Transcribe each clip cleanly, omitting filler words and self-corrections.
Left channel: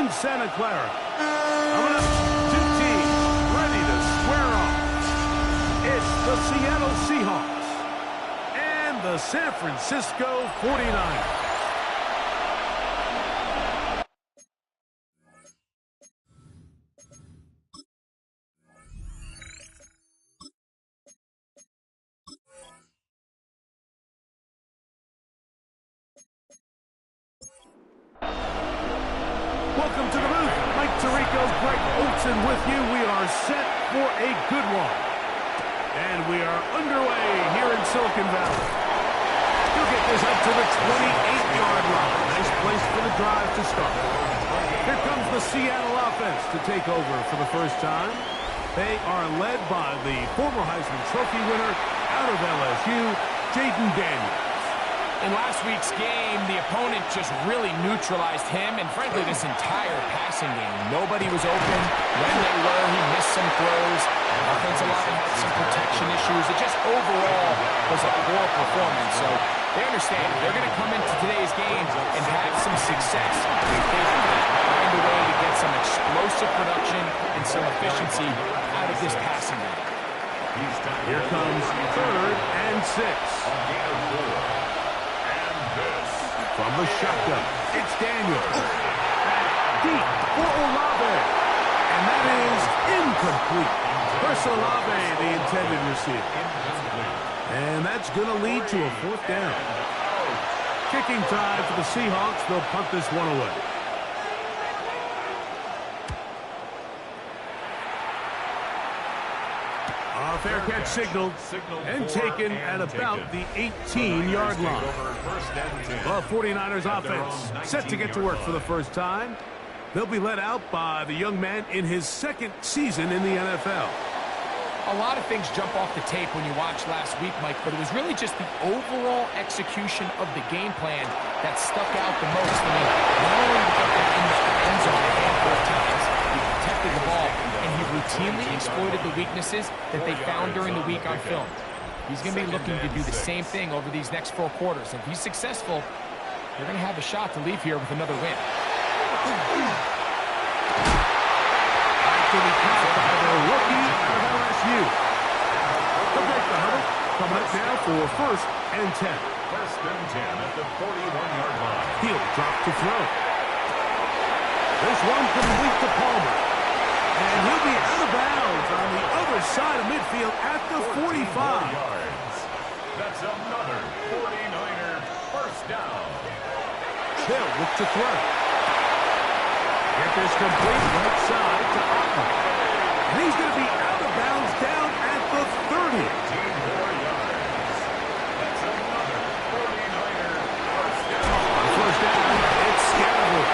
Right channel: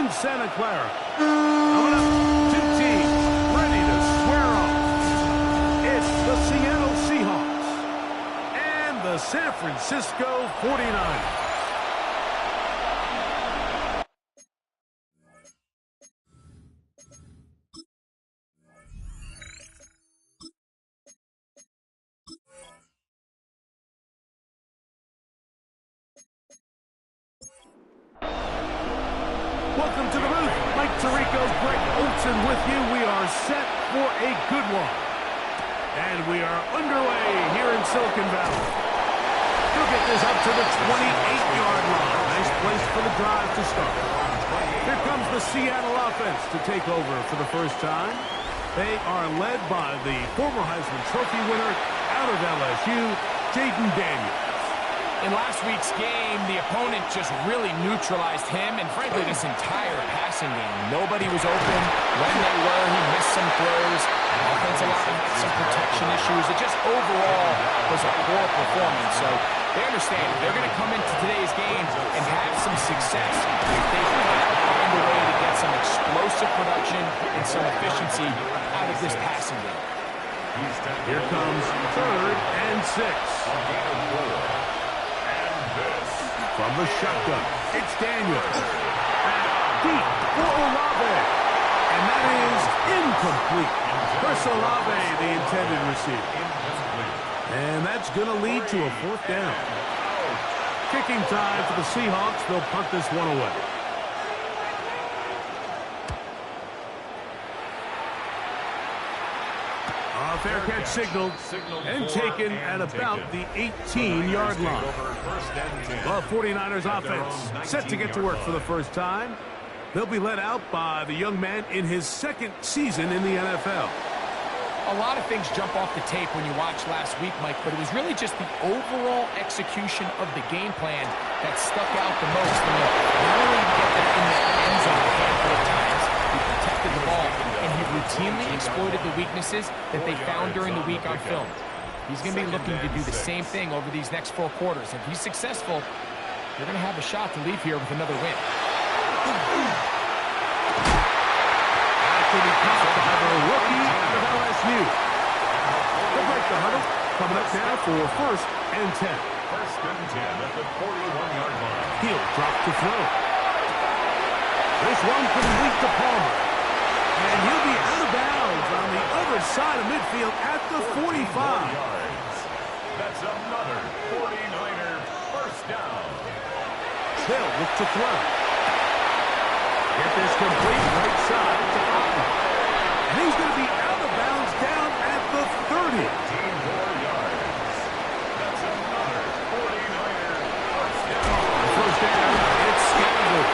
in Santa Clara. Coming up, two teams ready to square off. It's the Seattle Seahawks and the San Francisco 49ers. Welcome to the booth. Mike Tirico, Greg Olsen with you. We are set for a good one. And we are underway here in Silicon Valley. He'll get this up to the 28-yard line. Nice place for the drive to start. Here comes the Seattle offense to take over for the first time. They are led by the former Heisman Trophy winner out of LSU, Jaden Daniels. In last week's game, the opponent just really neutralized him and, frankly, this entire passing game. Nobody was open. When they were, he missed some throws. The offensive line had some protection issues. It just overall was a poor performance. So they understand if they're going to come into today's game and have some success, they've got to find a way to get some explosive production and some efficiency out of this passing game. Here comes 3rd and 6. From the shotgun, it's Daniels. Deep for Olave. And that is incomplete. Chris Olave, the intended receiver. And that's going to lead to a 4th down. Kicking time for the Seahawks. They'll punt this one away. A fair catch signaled and taken at about the 18-yard line. The 49ers offense set to get to work for the first time. They'll be led out by the young man in his 2nd season in the NFL. A lot of things jump off the tape when you watch last week, Mike, but it was really just the overall execution of the game plan that stuck out the most. I mean, not only did he get there in the end zone a handful of times, he protected the ball, and he routinely exploited the weaknesses that they found during the week on film. He's going to be looking to do the same thing over these next 4 quarters. If he's successful, they're going to have a shot to leave here with another win. After we caught by the rookie out of LSU. They'll break the huddle. Coming up now for 1st and 10. 1st and 10 at the 41-yard line. He'll drop to throw. This one complete to Palmer. And he'll be out of bounds on the other side of midfield at the 45. Yards. That's another 49er 1st down. They'll look to throw. Get this complete right side to Otten. And he's going to be out of bounds down at the 30. 18 more yards. That's another 49er 1st down. On 1st down, it's Scannable.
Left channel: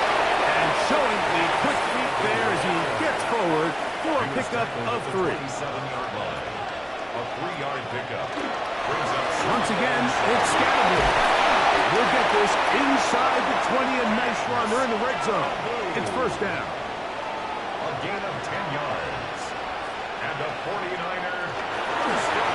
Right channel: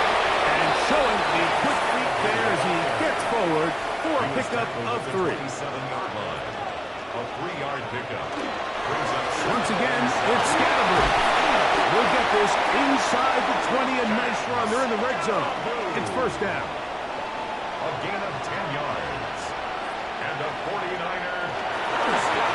And showing the quick feet there as he gets forward for a pickup of 3. 27-yard line. A 3-yard pickup. Brings up once again, it's Scannable. We'll get this inside the 20, a nice run. They're in the red zone. It's 1st down. A gain of 10 yards. And a 49er.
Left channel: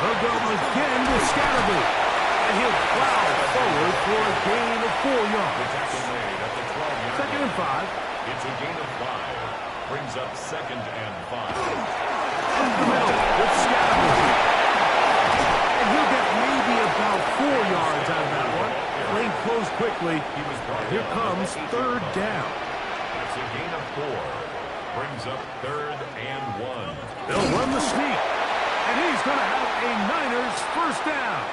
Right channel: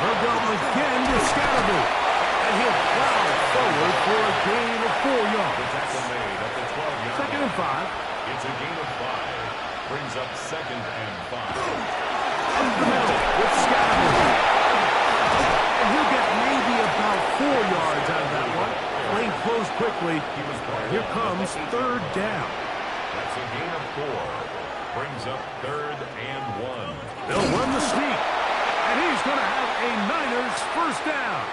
They'll go again with Scannable. And he'll plow forward for a gain of 4 yards. The tackle made at the 12-yard 2nd and 5. It's a gain of 5. Brings up 2nd and 5. Up the middle with Scannable. And he'll get maybe about 4 yards out of that one. Lane closed quickly. Here comes 3rd down. That's a gain of 4. Brings up 3rd and 1. They'll run the sneak. And he's going to have a Niners 1st down.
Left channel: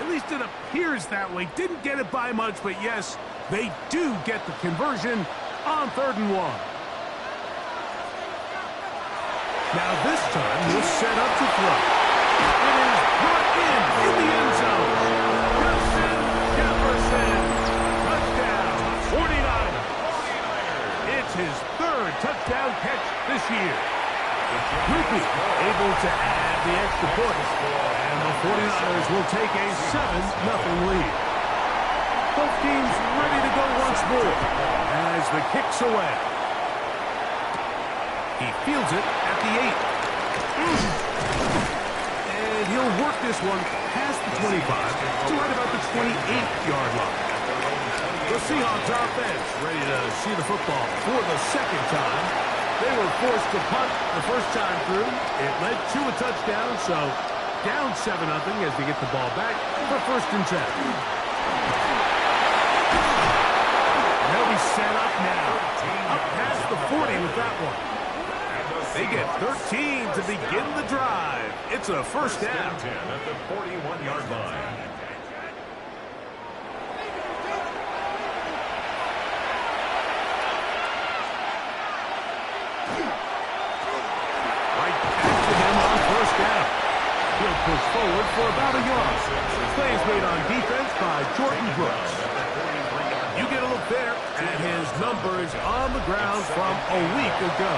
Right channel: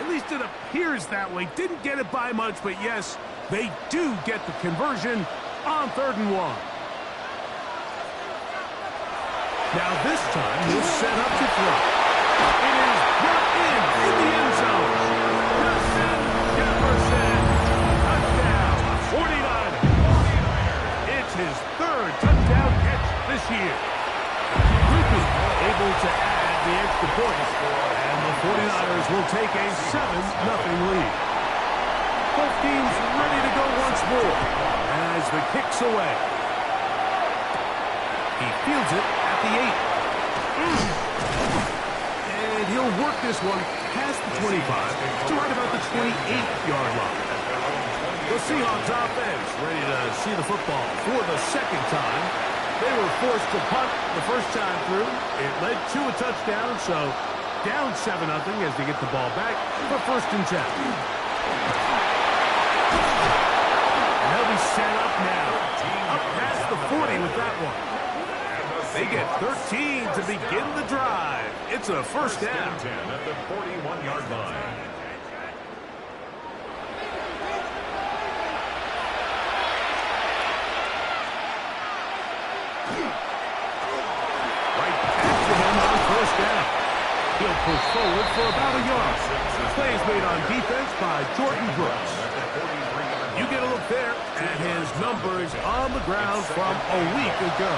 At least it appears that way. Didn't get it by much, but yes, they do get the conversion on 3rd and 1. Now this time, he'll set up to throw. It is brought in the end zone. Justin Jefferson, touchdown, 49ers. It's his 3rd touchdown catch this year. Rupi able to add the extra point, and the 49ers will take a 7-0 lead. Both teams ready to go once more as the kick's away. He fields it at the 8. And he'll work this one past the 25 to right about the 28-yard line. At their own The Seahawks offense ready to see the football for the second time. They were forced to punt the first time through. It led to a touchdown, so down 7-0 as they get the ball back for 1st and 10. And they'll be set up now. Up past the 40 with that one. They get 13 to begin the drive. It's a 1st down. 10 at the 41-yard line. Right back to him on 1st down. He'll push forward for about a yard. Play is made on defense by Jordan Brooks. You get a look there at his numbers on the ground from a week ago.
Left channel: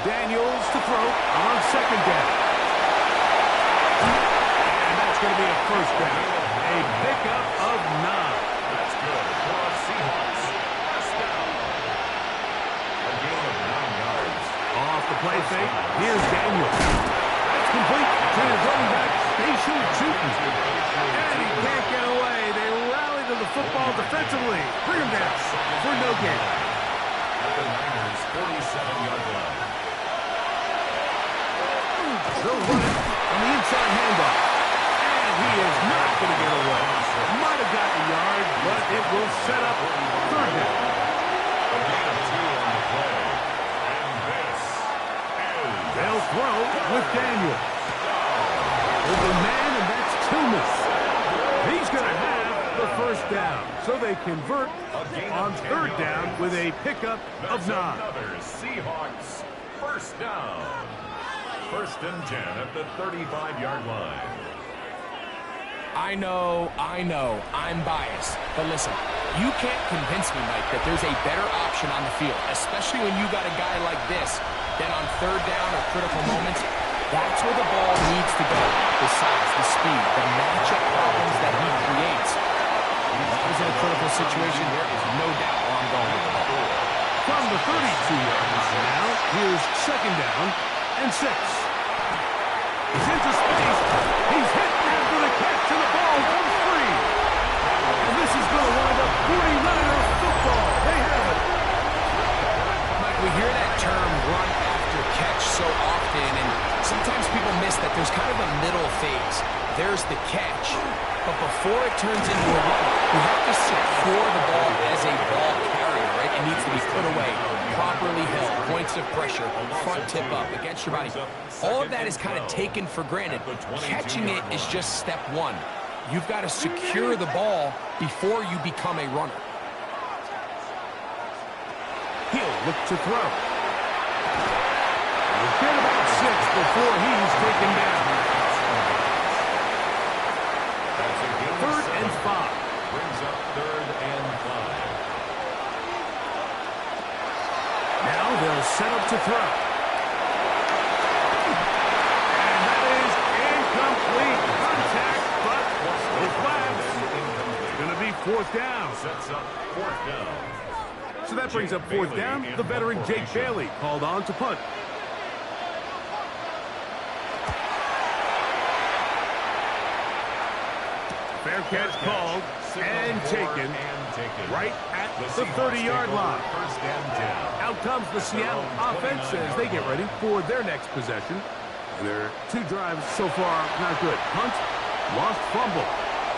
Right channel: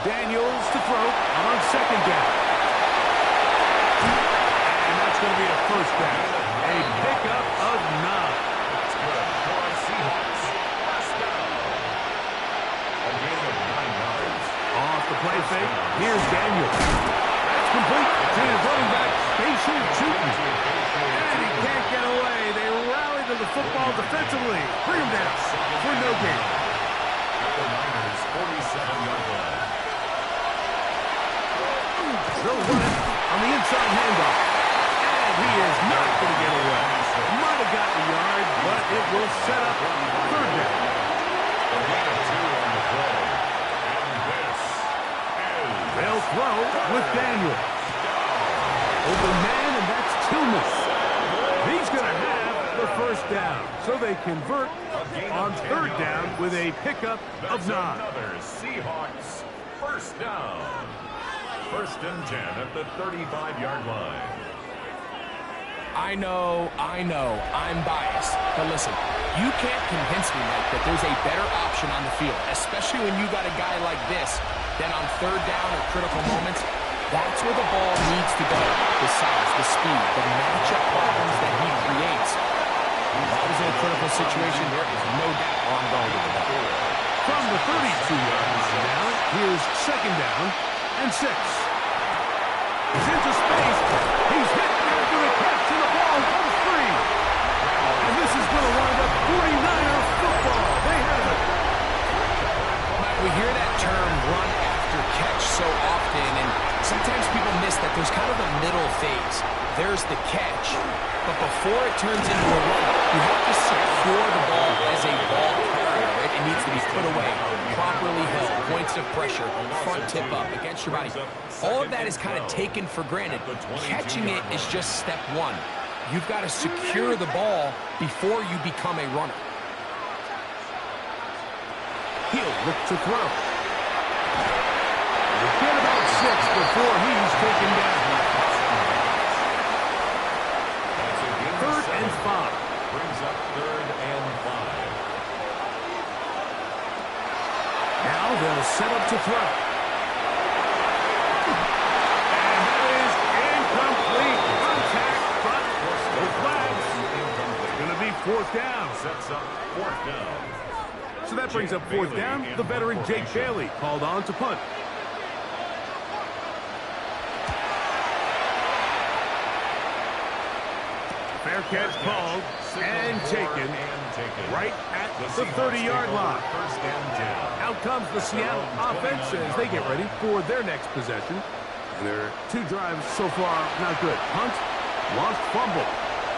Daniels to throw on 2nd down. And that's going to be a 1st down. A pickup of 9. That's good for the Seahawks. 1st down. A gain of 9 yards. Off the play fake, here's Daniels. That's complete to his running back, Spatial Chutin. And he can't get away. They rally to the football defensively. Bring him down for no gain. At the Niners' 47-yard line. They'll run it on the inside handoff. And he is not going to get away. Might have gotten a yard, but it will set up 3rd down. A gain of 2 on the play. And this is... They'll throw with Daniels. Open man, and that's Tillman. He's going to have the 1st down. So they convert on 3rd down with a pickup of 9. Another Seahawks 1st down. 1st and 10 at the 35-yard line. I know, I'm biased. But listen, you can't convince me, Mike, that there's a better option on the field, especially when you got a guy like this, then on 3rd down or critical moments, that's where the ball needs to go. The size, the speed, the matchup problems that he creates. If I was in a critical situation, there is no doubt where I'm going with the ball. From the 32-yard line now, here's 2nd down and 6. He's into space. He's hit after the catch, and the ball comes free. And this is going to wind up 49er football. They have it. Mike, we hear that term run after catch so often, and sometimes people miss that there's kind of a middle phase. There's the catch, but before it turns into a run, you have to secure the ball as a ball carrier, right? It needs to be put away, properly held, points of pressure, front tip up against your body. All of that is kind of taken for granted. Catching it is just step 1. You've got to secure the ball before you become a runner. He'll look to throw. He'll get about 6 before he's taken down. 3rd and 5. Brings up 3rd and 5. Now they'll set up to throw. And that is incomplete. Contact, but no flags. It's going to be 4th down. Sets up 4th down. So that brings up 4th down. The veteran Jake Bailey called on to punt. Fair catch called and taken right at the 30-yard line. 1st and 10. Out comes the Seattle offense as they get ready for their next possession. And their 2 drives so far not good. Punt, lost fumble.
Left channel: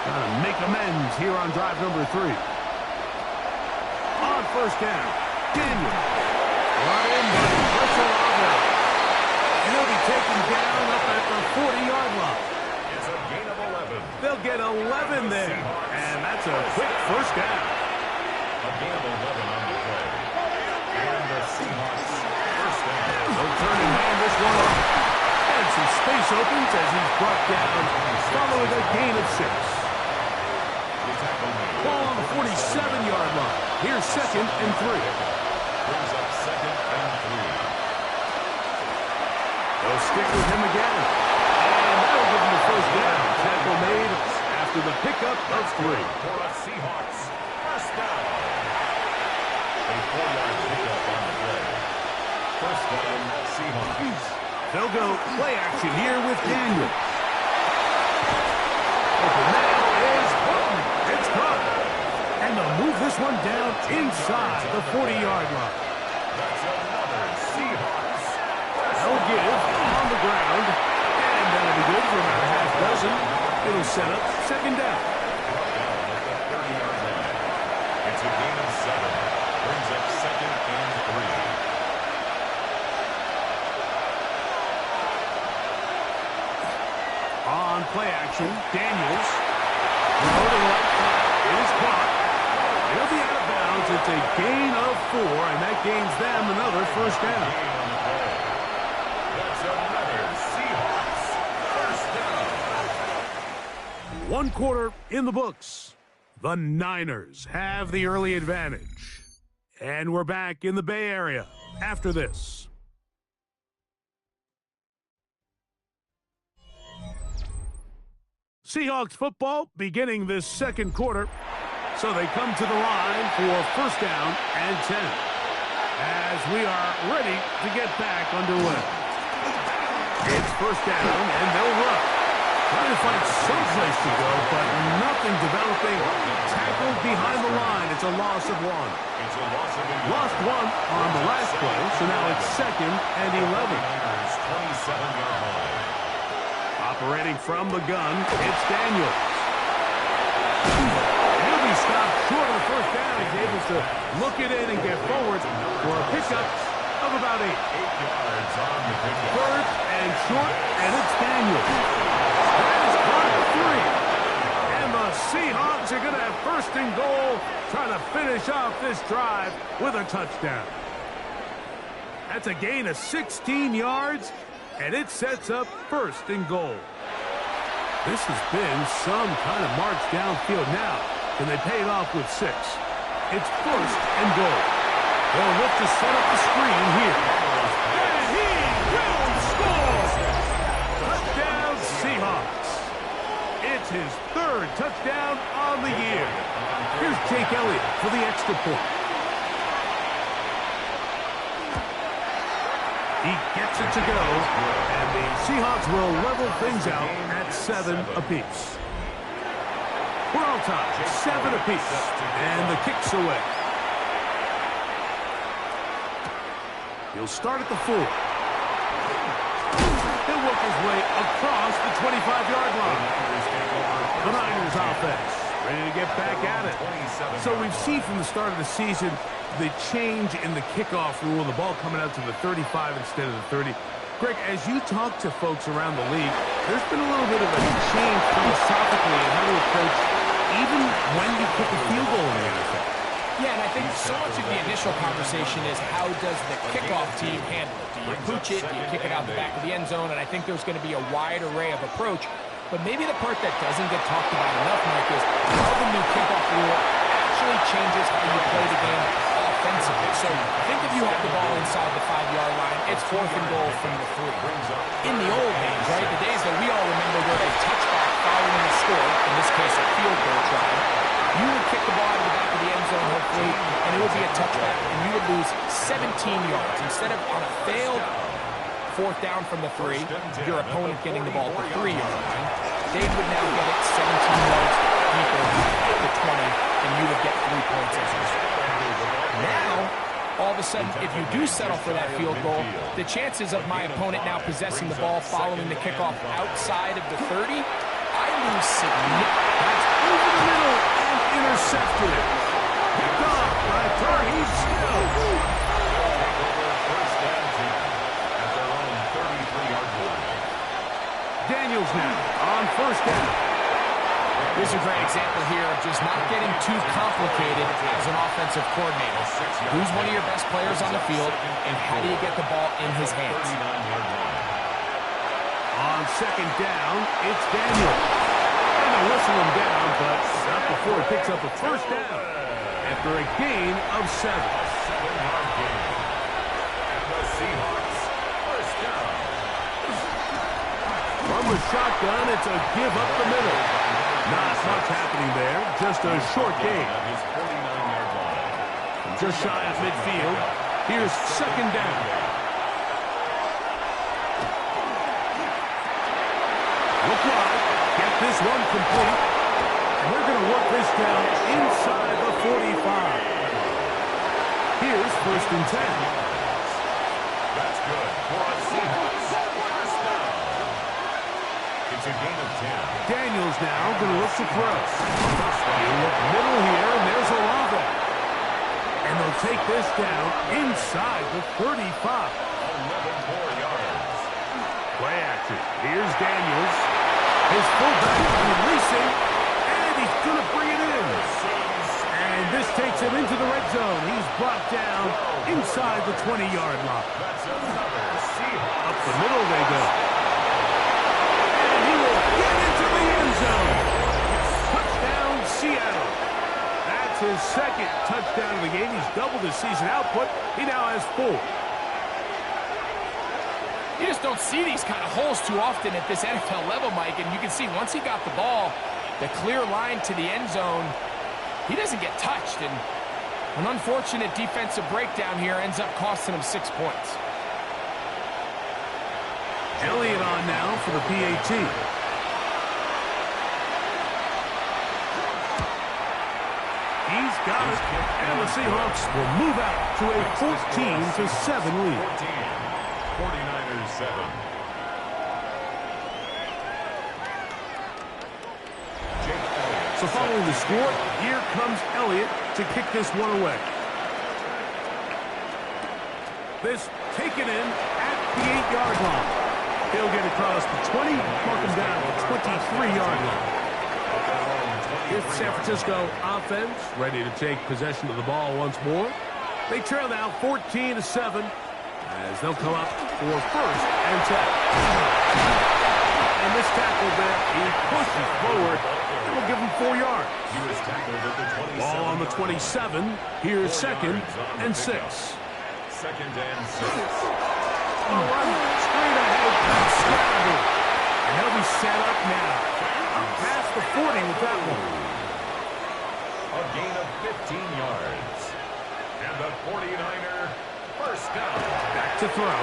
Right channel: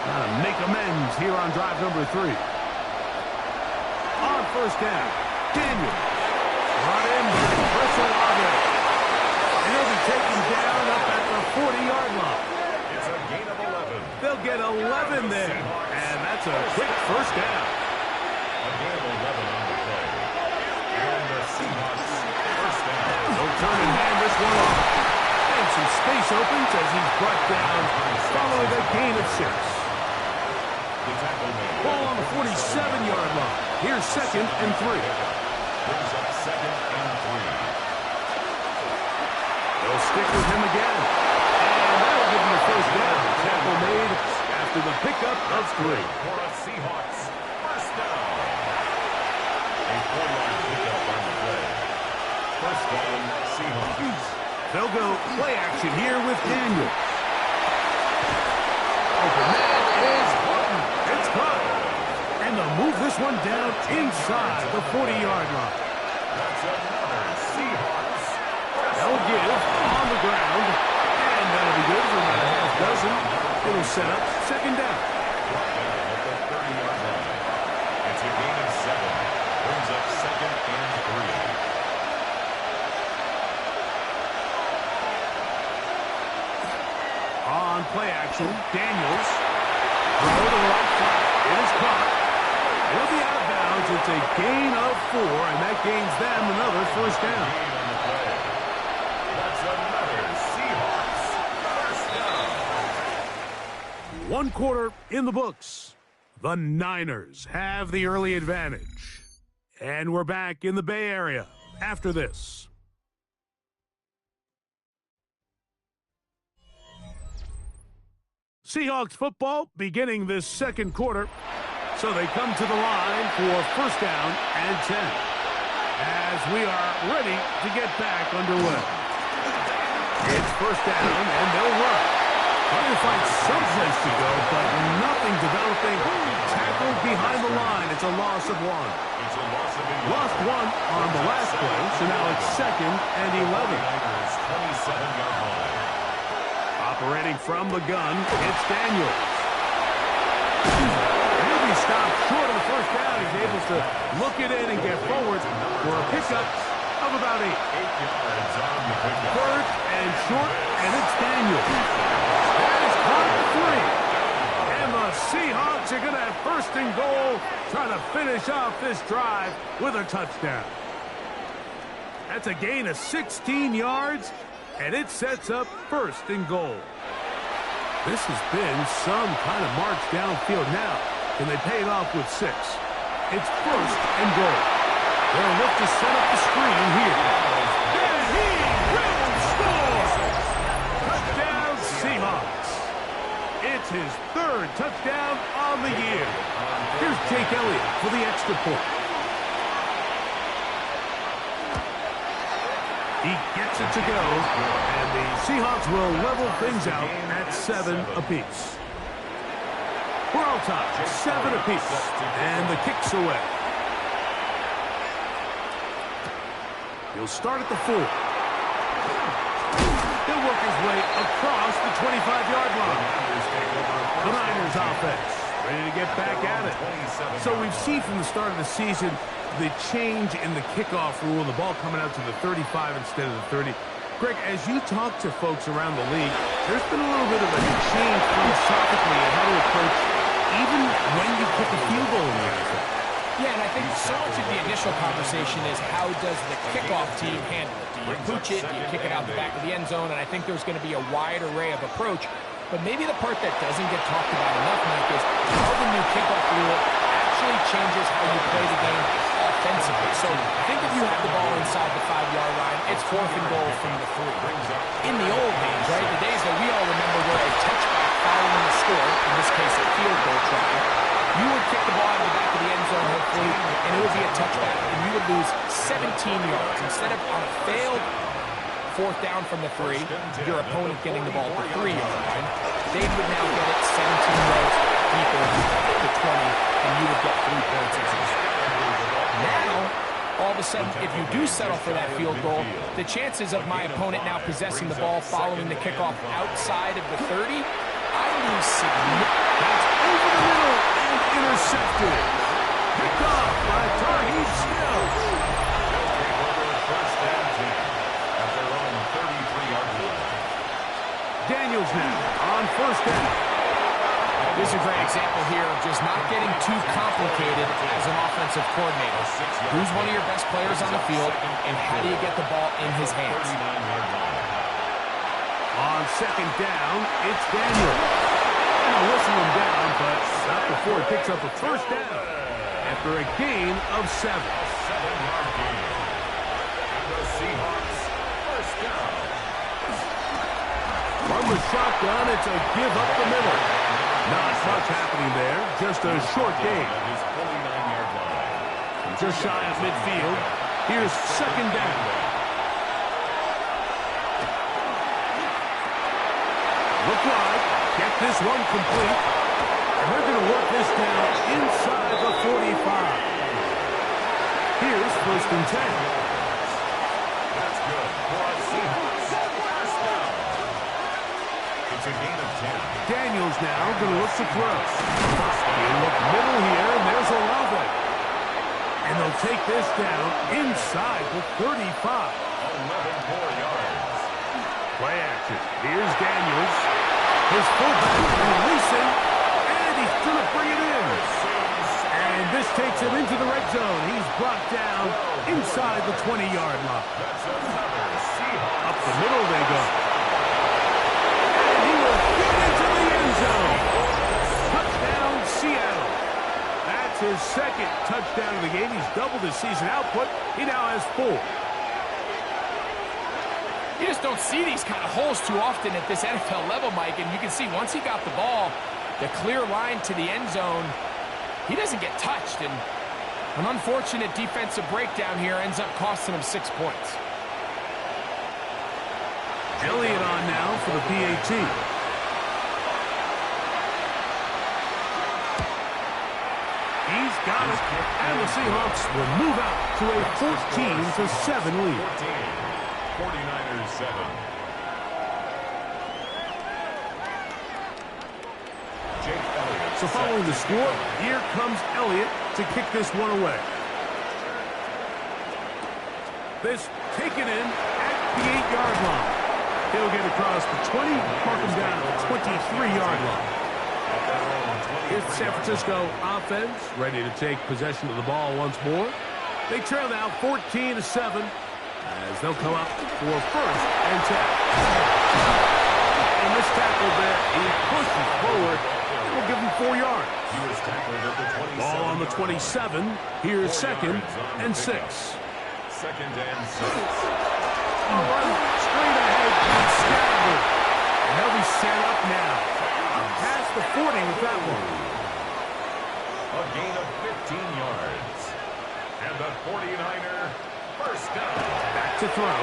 Trying to make amends here on drive number 3. On 1st down, Daniel. Brought in by Brissolave. And he'll be taken down up at the 40-yard line. It's a gain of 11. They'll get 11 there. And that's a quick 1st down. A gain of 11 on the play. And the Seahawks 1st down. They'll turn and hand this one off. And some space opens as he's brought down following a gain of 6. Ball on the 47-yard line. Here's 2nd and 3. Brings up 2nd and 3. They'll stick with him again. And that'll give him the 1st down. Tackle made after the pickup of 3. For the Seahawks, 1st down. A 4-yard pickup on the play. 1st down, Seahawks. They'll go play action here with Daniels. Open man is Horton. It's caught. And they'll move this one down inside the 40-yard line. That's another Seahawks. They'll give on the ground. And that'll be good for about a half dozen. It'll set up second down. Brought down at the 30-yard line. It's a gain of 7. Brings up second and 3. On play action, Daniels. Throw to the right side. It is caught. It'll be out of bounds. It's a gain of 4, and that gains them another first down. Gain on the play. That's another Seahawks first down. 1 quarter in the books. The Niners have the early advantage. And we're back in the Bay Area after this. Seahawks football beginning this second quarter. So they come to the line for first down and 10. As we are ready to get back underway. It's first down and they'll run. Trying to find some place to go, but nothing developing. Tackled behind the line. It's a loss of 1. It's a loss of 1. Lost 1 on the last play, so now it's second and 11. Niners 27-yard line. Operating from the gun, it's Daniels. He'll be stopped short of the first down. He's able to look it in and get forward for a pickup of about 8. 8 yards on the pickup. First and short, and it's Daniels. That is caught for 3. And the Seahawks are going to have first and goal, trying to finish off this drive with a touchdown. That's a gain of 16 yards. And it sets up first and goal. This has been some kind of march downfield now. Can they pay it off with 6? It's first and goal. They'll look to set up the screen here. And he will score! Touchdown Seahawks. It's his 3rd touchdown on the year. Here's Jake Elliott for the extra point. He gets it to go, and the Seahawks will level things out at 7 apiece. We're all tied, 7 apiece, and the kick's away. He'll start at the 4. He'll work his way across the 25-yard line. The Niners offense ready to get back at it. So we've seen from the start of the season the change in the kickoff rule, the ball coming out to the 35 instead of the 30. Greg, as you talk to folks around the league, there's been a little bit of a change philosophically in how to approach even when you kick a field goal in the NFL. Yeah, and I think so much of the initial conversation is how does the kickoff team handle it? Do you pooch it? Do you kick it out the back of the end zone? And I think there's going to be a wide array of approach. But maybe the part that doesn't get talked about enough, Mike, is how the new kickoff rule actually changes how you play the game offensively. So think if you have the ball inside the 5-yard line, it's 4th and goal from the 3. In the old days, right, the days that we all remember were a touchback following a score, in this case a field goal try, you would kick the ball out of the back of the end zone, hopefully, and it would be a touchback, and you would lose 17 yards. Instead of on a failed 4th down from the 3, your opponent getting the ball at the 3-yard line, they would now get it 17 yards deeper at the 20, and you would get 3 points as a result. Now, all of a sudden, if you do settle for that field goal, the chances of my opponent now possessing the ball following the kickoff outside of the 30, I lose significantly. That's over the middle and intercepted. Picked off by Tarheed Stills. They'll take over first and 10 at their own 33-yard line. Daniels now on first down. This is a great example here of just not getting too complicated as an offensive coordinator. Who's one of your best players on the field, and how do you get the ball in his hands? 39-yard line. On second down, it's Daniels. And they'll whistle him down, but not before he picks up a first down after a gain of 7. A 7-yard gain. And the Seahawks first down. From the shotgun, it's a give up the middle. Not much happening there, just a short gain. At his 49-yard line. Just shy of midfield. Here's second down. Look wide. get this one complete. And they're going to work this down inside the 45. Here's 1st and 10. That's good for a Seahawks first down. It's a gain of 10. Daniels now going to look to throw. He'll look middle here, and there's Olave. And they'll take this down inside the 35. 11 more yards. Play action. Here's Daniels. His fullback releasing, and he's going to bring it in. And this takes him into the red zone. He's brought down inside the 20-yard line. That's another Seahawks. Up the middle they go. And he will get into the end zone. Touchdown, Seattle. That's his 2nd touchdown of the game. He's doubled his season output. He now has 4. You just don't see these kind of holes too often at this NFL level, Mike. And you can see once he got the ball, the clear line to the end zone, he doesn't get touched. And an unfortunate defensive breakdown here ends up costing him 6 points. Elliott on now for the PAT. He's got it. And the Seahawks will move out to a 14-7 lead. 14. 49ers 7. Jake Elliott. So following the score, here comes Elliott to kick this one away. This taken in at the 8-yard line. He'll get across the 20, mark him down at the 23-yard line. Here's the San Francisco offense, ready to take possession of the ball once more. They trail now 14-7 as they'll come up for 1st and 10. And this tackle there, he pushes forward, and will give him 4 yards. He was tackled at the 27. Ball on the 27. Here's 2nd and 6. 2nd and 6. A run straight ahead, scattered. And they'll be set up now. Up past the 40 with that one. A gain of 15 yards. And the 49er first down. Back to throw.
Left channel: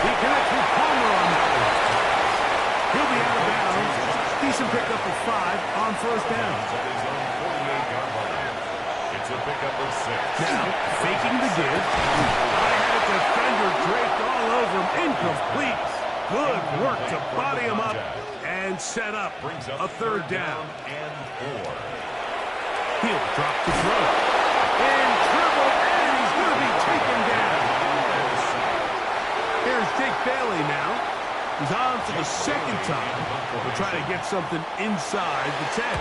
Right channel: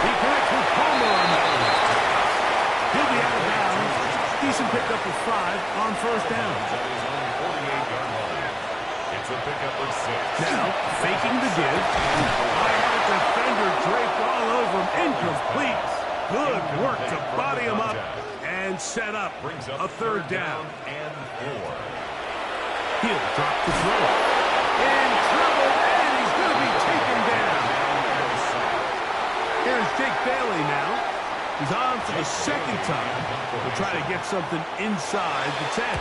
He connects with Palmer on that one. He'll be out of bounds. Decent pickup of 5 on 1st down. At his own 48-yard line. It's a pickup of 6. Now, faking the give. I had a defender draped all over him. Incomplete. Good work to body him up and set up a 3rd down. And 4. He'll drop the throw. In trouble, and he's going to be taken down. Here's Jake Bailey now. He's on for the 2nd time. We'll try to get something inside the 10.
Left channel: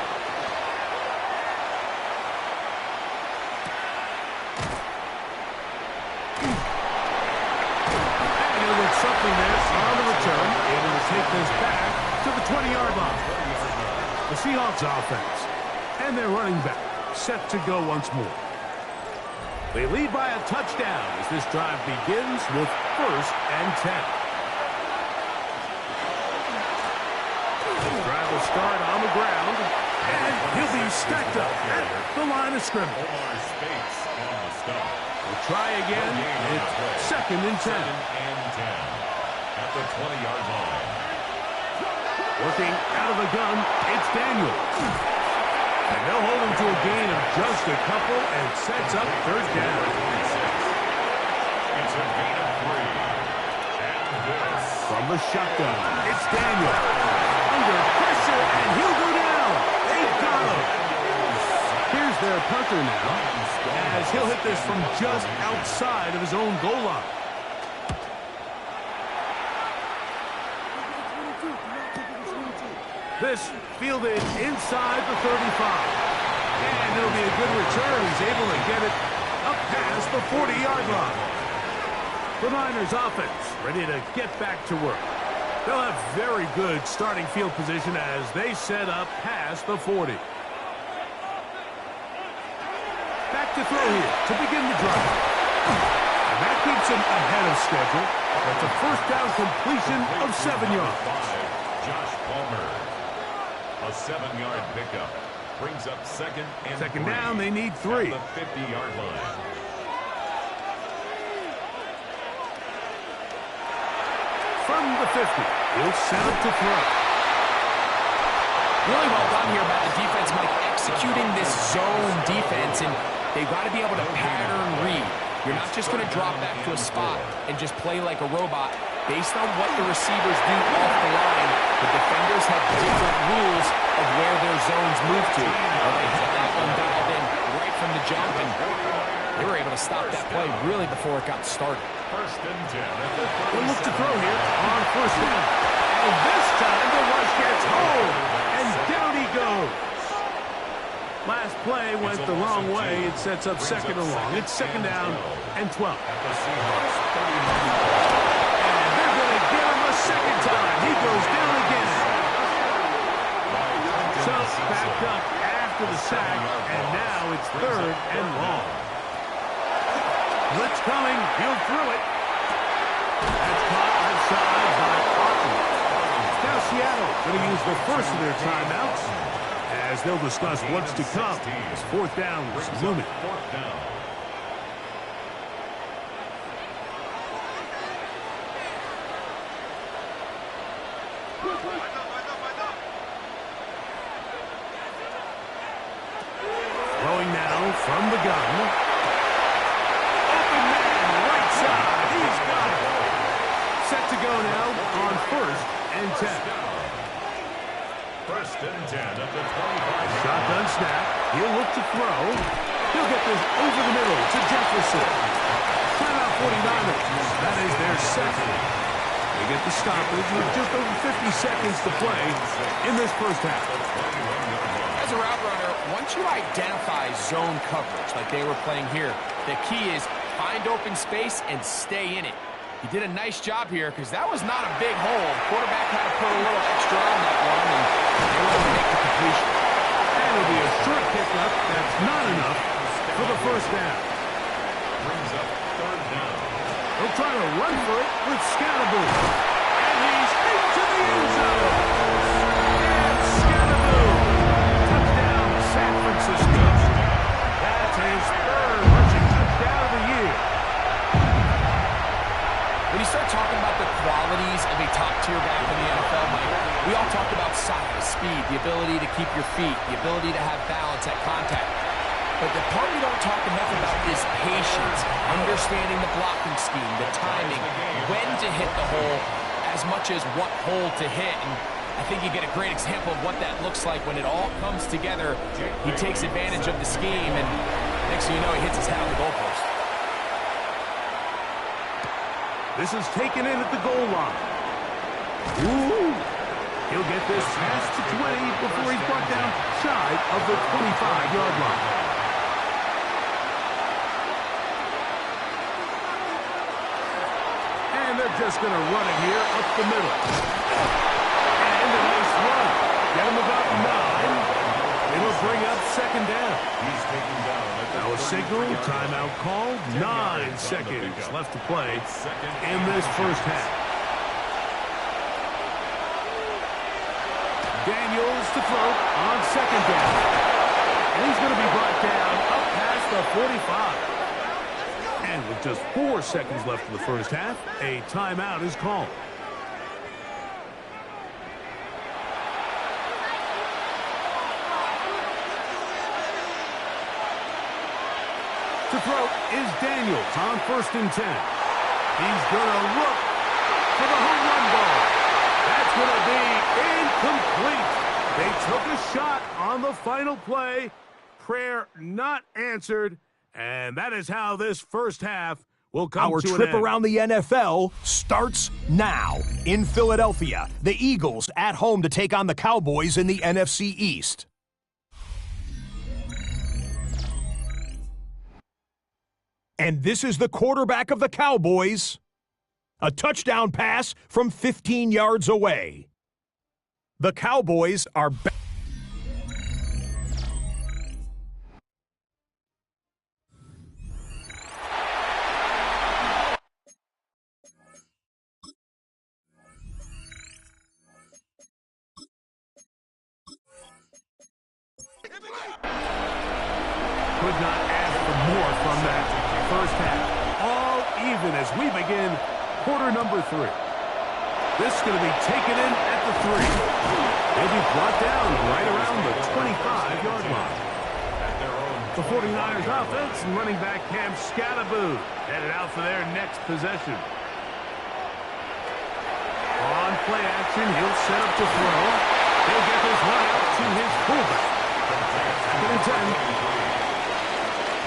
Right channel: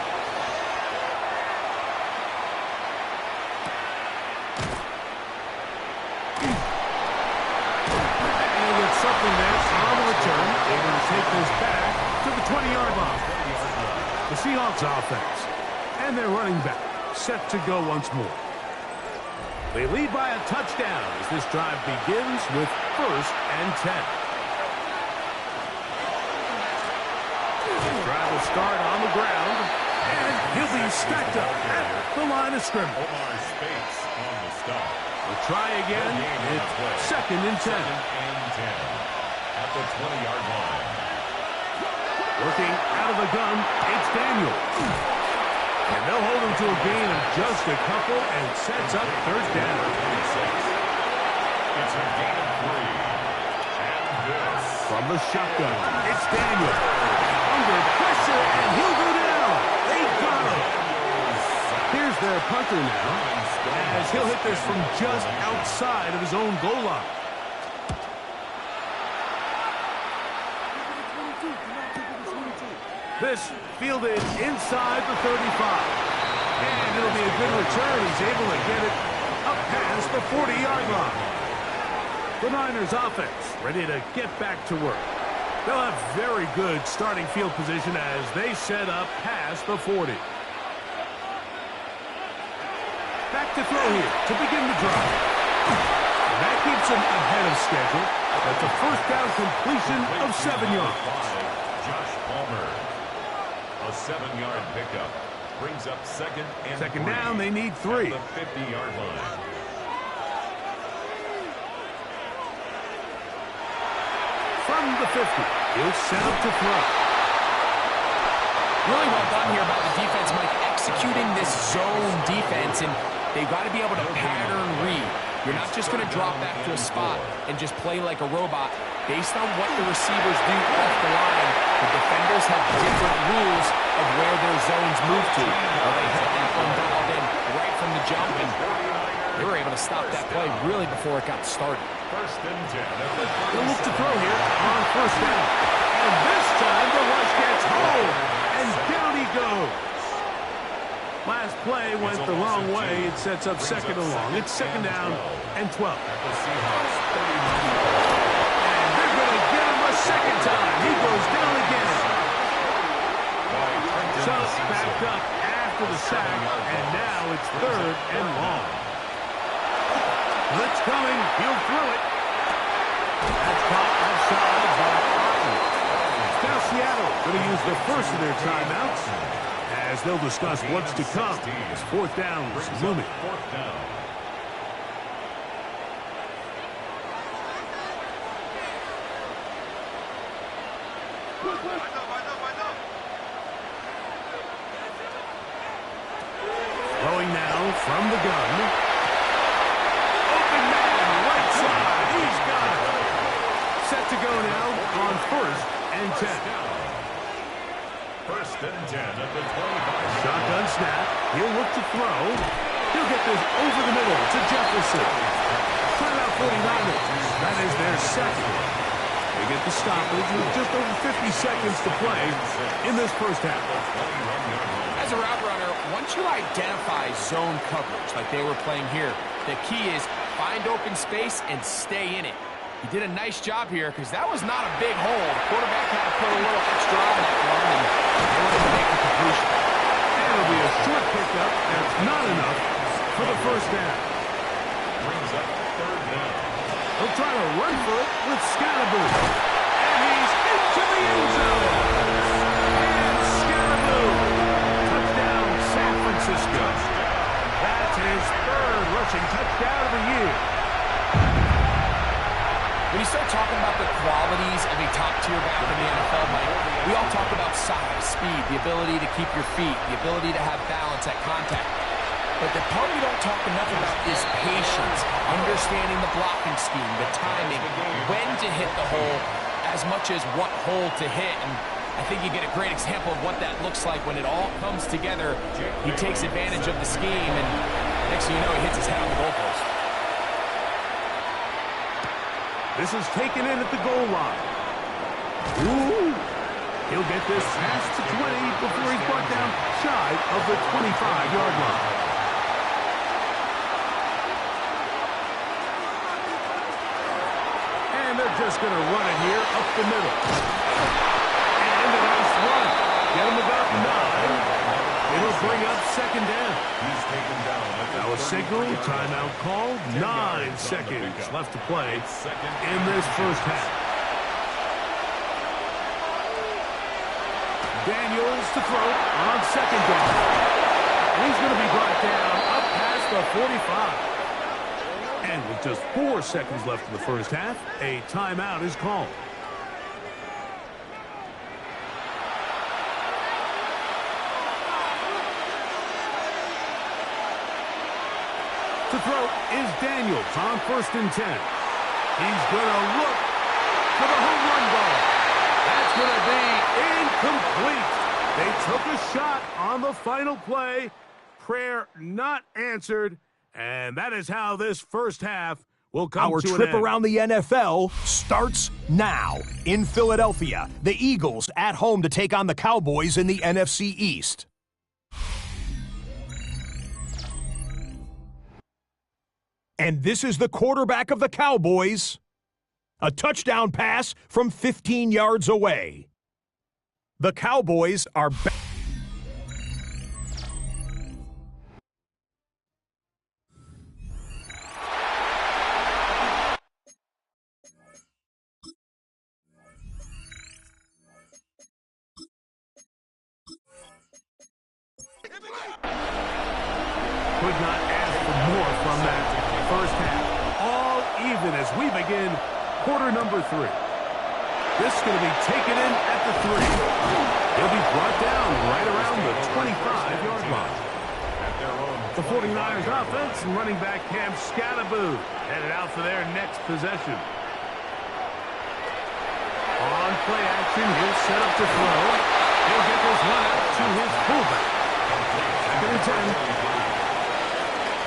Something there on the return, able to take this back to the 20-yard line. The Seahawks offense and their running back set to go once more. They lead by a touchdown as this drive begins with 1st and 10. The drive will start on the ground, and he'll be stacked up at the line of scrimmage. Omar Spates on the stop. We'll try again. It's 2nd and 10. 2nd and 10 at the 20-yard line. Working out of the gun, it's Daniel. And they'll hold him to a gain of just a couple and sets up 3rd down. 26. It's a gain of 3. And this. From the shotgun, it's Daniel. Under pressure, and he'll go down. They got him. Here's their punter now, as he'll hit this from just outside of his own goal line. This fielded inside the 35. And it'll be a good return. He's able to get it up past the 40-yard line. The Niners offense ready to get back to work. They'll have very good starting field position as they set up past the 40. Back to throw here to begin the drive. And that keeps him ahead of schedule. That's a 1st down completion of 7 yards. Josh Palmer. A 7-yard pickup. Brings up 2nd and 3. Down, they need 3. At the 50-yard line. From the 50, he'll set up to throw. Really well done here by the defense, Mike, executing this zone defense, and they've got to be able to pattern read. You're not just going to drop back to a spot and just play like a robot. Based on what the receivers do off the line, the defenders have different rules of where their zones move to. Well, they had that one dialed in right from the jump, and they were able to stop that play really before it got started. First and 10. They'll look to throw here on first down. And this time the rush gets home, and down he goes. Last play went the wrong way. It sets up second and long. It's second down and 12. At the Seahawks 39. And they're going to get him a second time. He goes down again. So backed up after the sack, and now it's third and long. Blitz coming. He'll throw it. That's caught outside by Otten. Now Seattle going to use the first of their timeouts, as they'll discuss what's to come as fourth down is looming. Fourth down. Throwing now from the gun. Open man, right side. He's got it. Set to go now on first and 10. First and 10 at the 25. Shotgun snap. He'll look to throw. He'll get this over the middle to Jefferson. Timeout 49ers. That is their second. They get the stoppage with just over 50 seconds to play in this first half. As a route runner, once you identify zone coverage like they were playing here, the key is find open space and stay in it. He did a nice job here because that was not a big hole. The quarterback had to put a little extra on that one, and they were able to make the completion. And it'll be a short pickup. That's not enough for the first down. Brings up third down. He'll try to run for it with Scalaboo. And he's into the end zone. And Scalaboo. Touchdown, San Francisco. That's his third rushing touchdown of the year. When you start talking about the qualities of a top-tier back in the NFL, Mike, we all talk about size, speed, the ability to keep your feet, the ability to have balance at contact. But the part we don't talk enough about is patience, understanding the blocking scheme, the timing, when to hit the hole, as much as what hole to hit. And I think you get a great example of what that looks like when it all comes together. He takes advantage of the scheme, and next thing you know, he hits his head on the goalpost. This is taken in at the goal line. Ooh. He'll get this past the 20 before he's brought down shy of the 25-yard line. And they're just going to run it here up the middle. And a nice run. Get him about 9. It'll bring up second down. He's taken down. Now a signal, timeout called. 9 seconds left to play in this first half. Daniels to throw on second down. And he's going to be brought down up past the 45. And with just 4 seconds left in the first half, a timeout is called. To throw is Daniels on first and 10. He's going to look for the home run ball. That's going to be incomplete. They took a shot on the final play. Prayer not answered. And that is how this first half will come to an end. Our trip around the NFL starts now. In Philadelphia, the Eagles at home to take on the Cowboys in the NFC East. And this is the quarterback of the Cowboys. A touchdown pass from 15 yards away. The Cowboys are back. Could not ask for more from that first half. All even as we begin quarter number 3. This is going to be taken in at the 3. He'll be brought down right around the 25-yard line. The 49ers offense and running back Cam Scattaboo headed out for their next possession. On play action, he'll set up to throw. He'll get this one out to his fullback. Second and 10.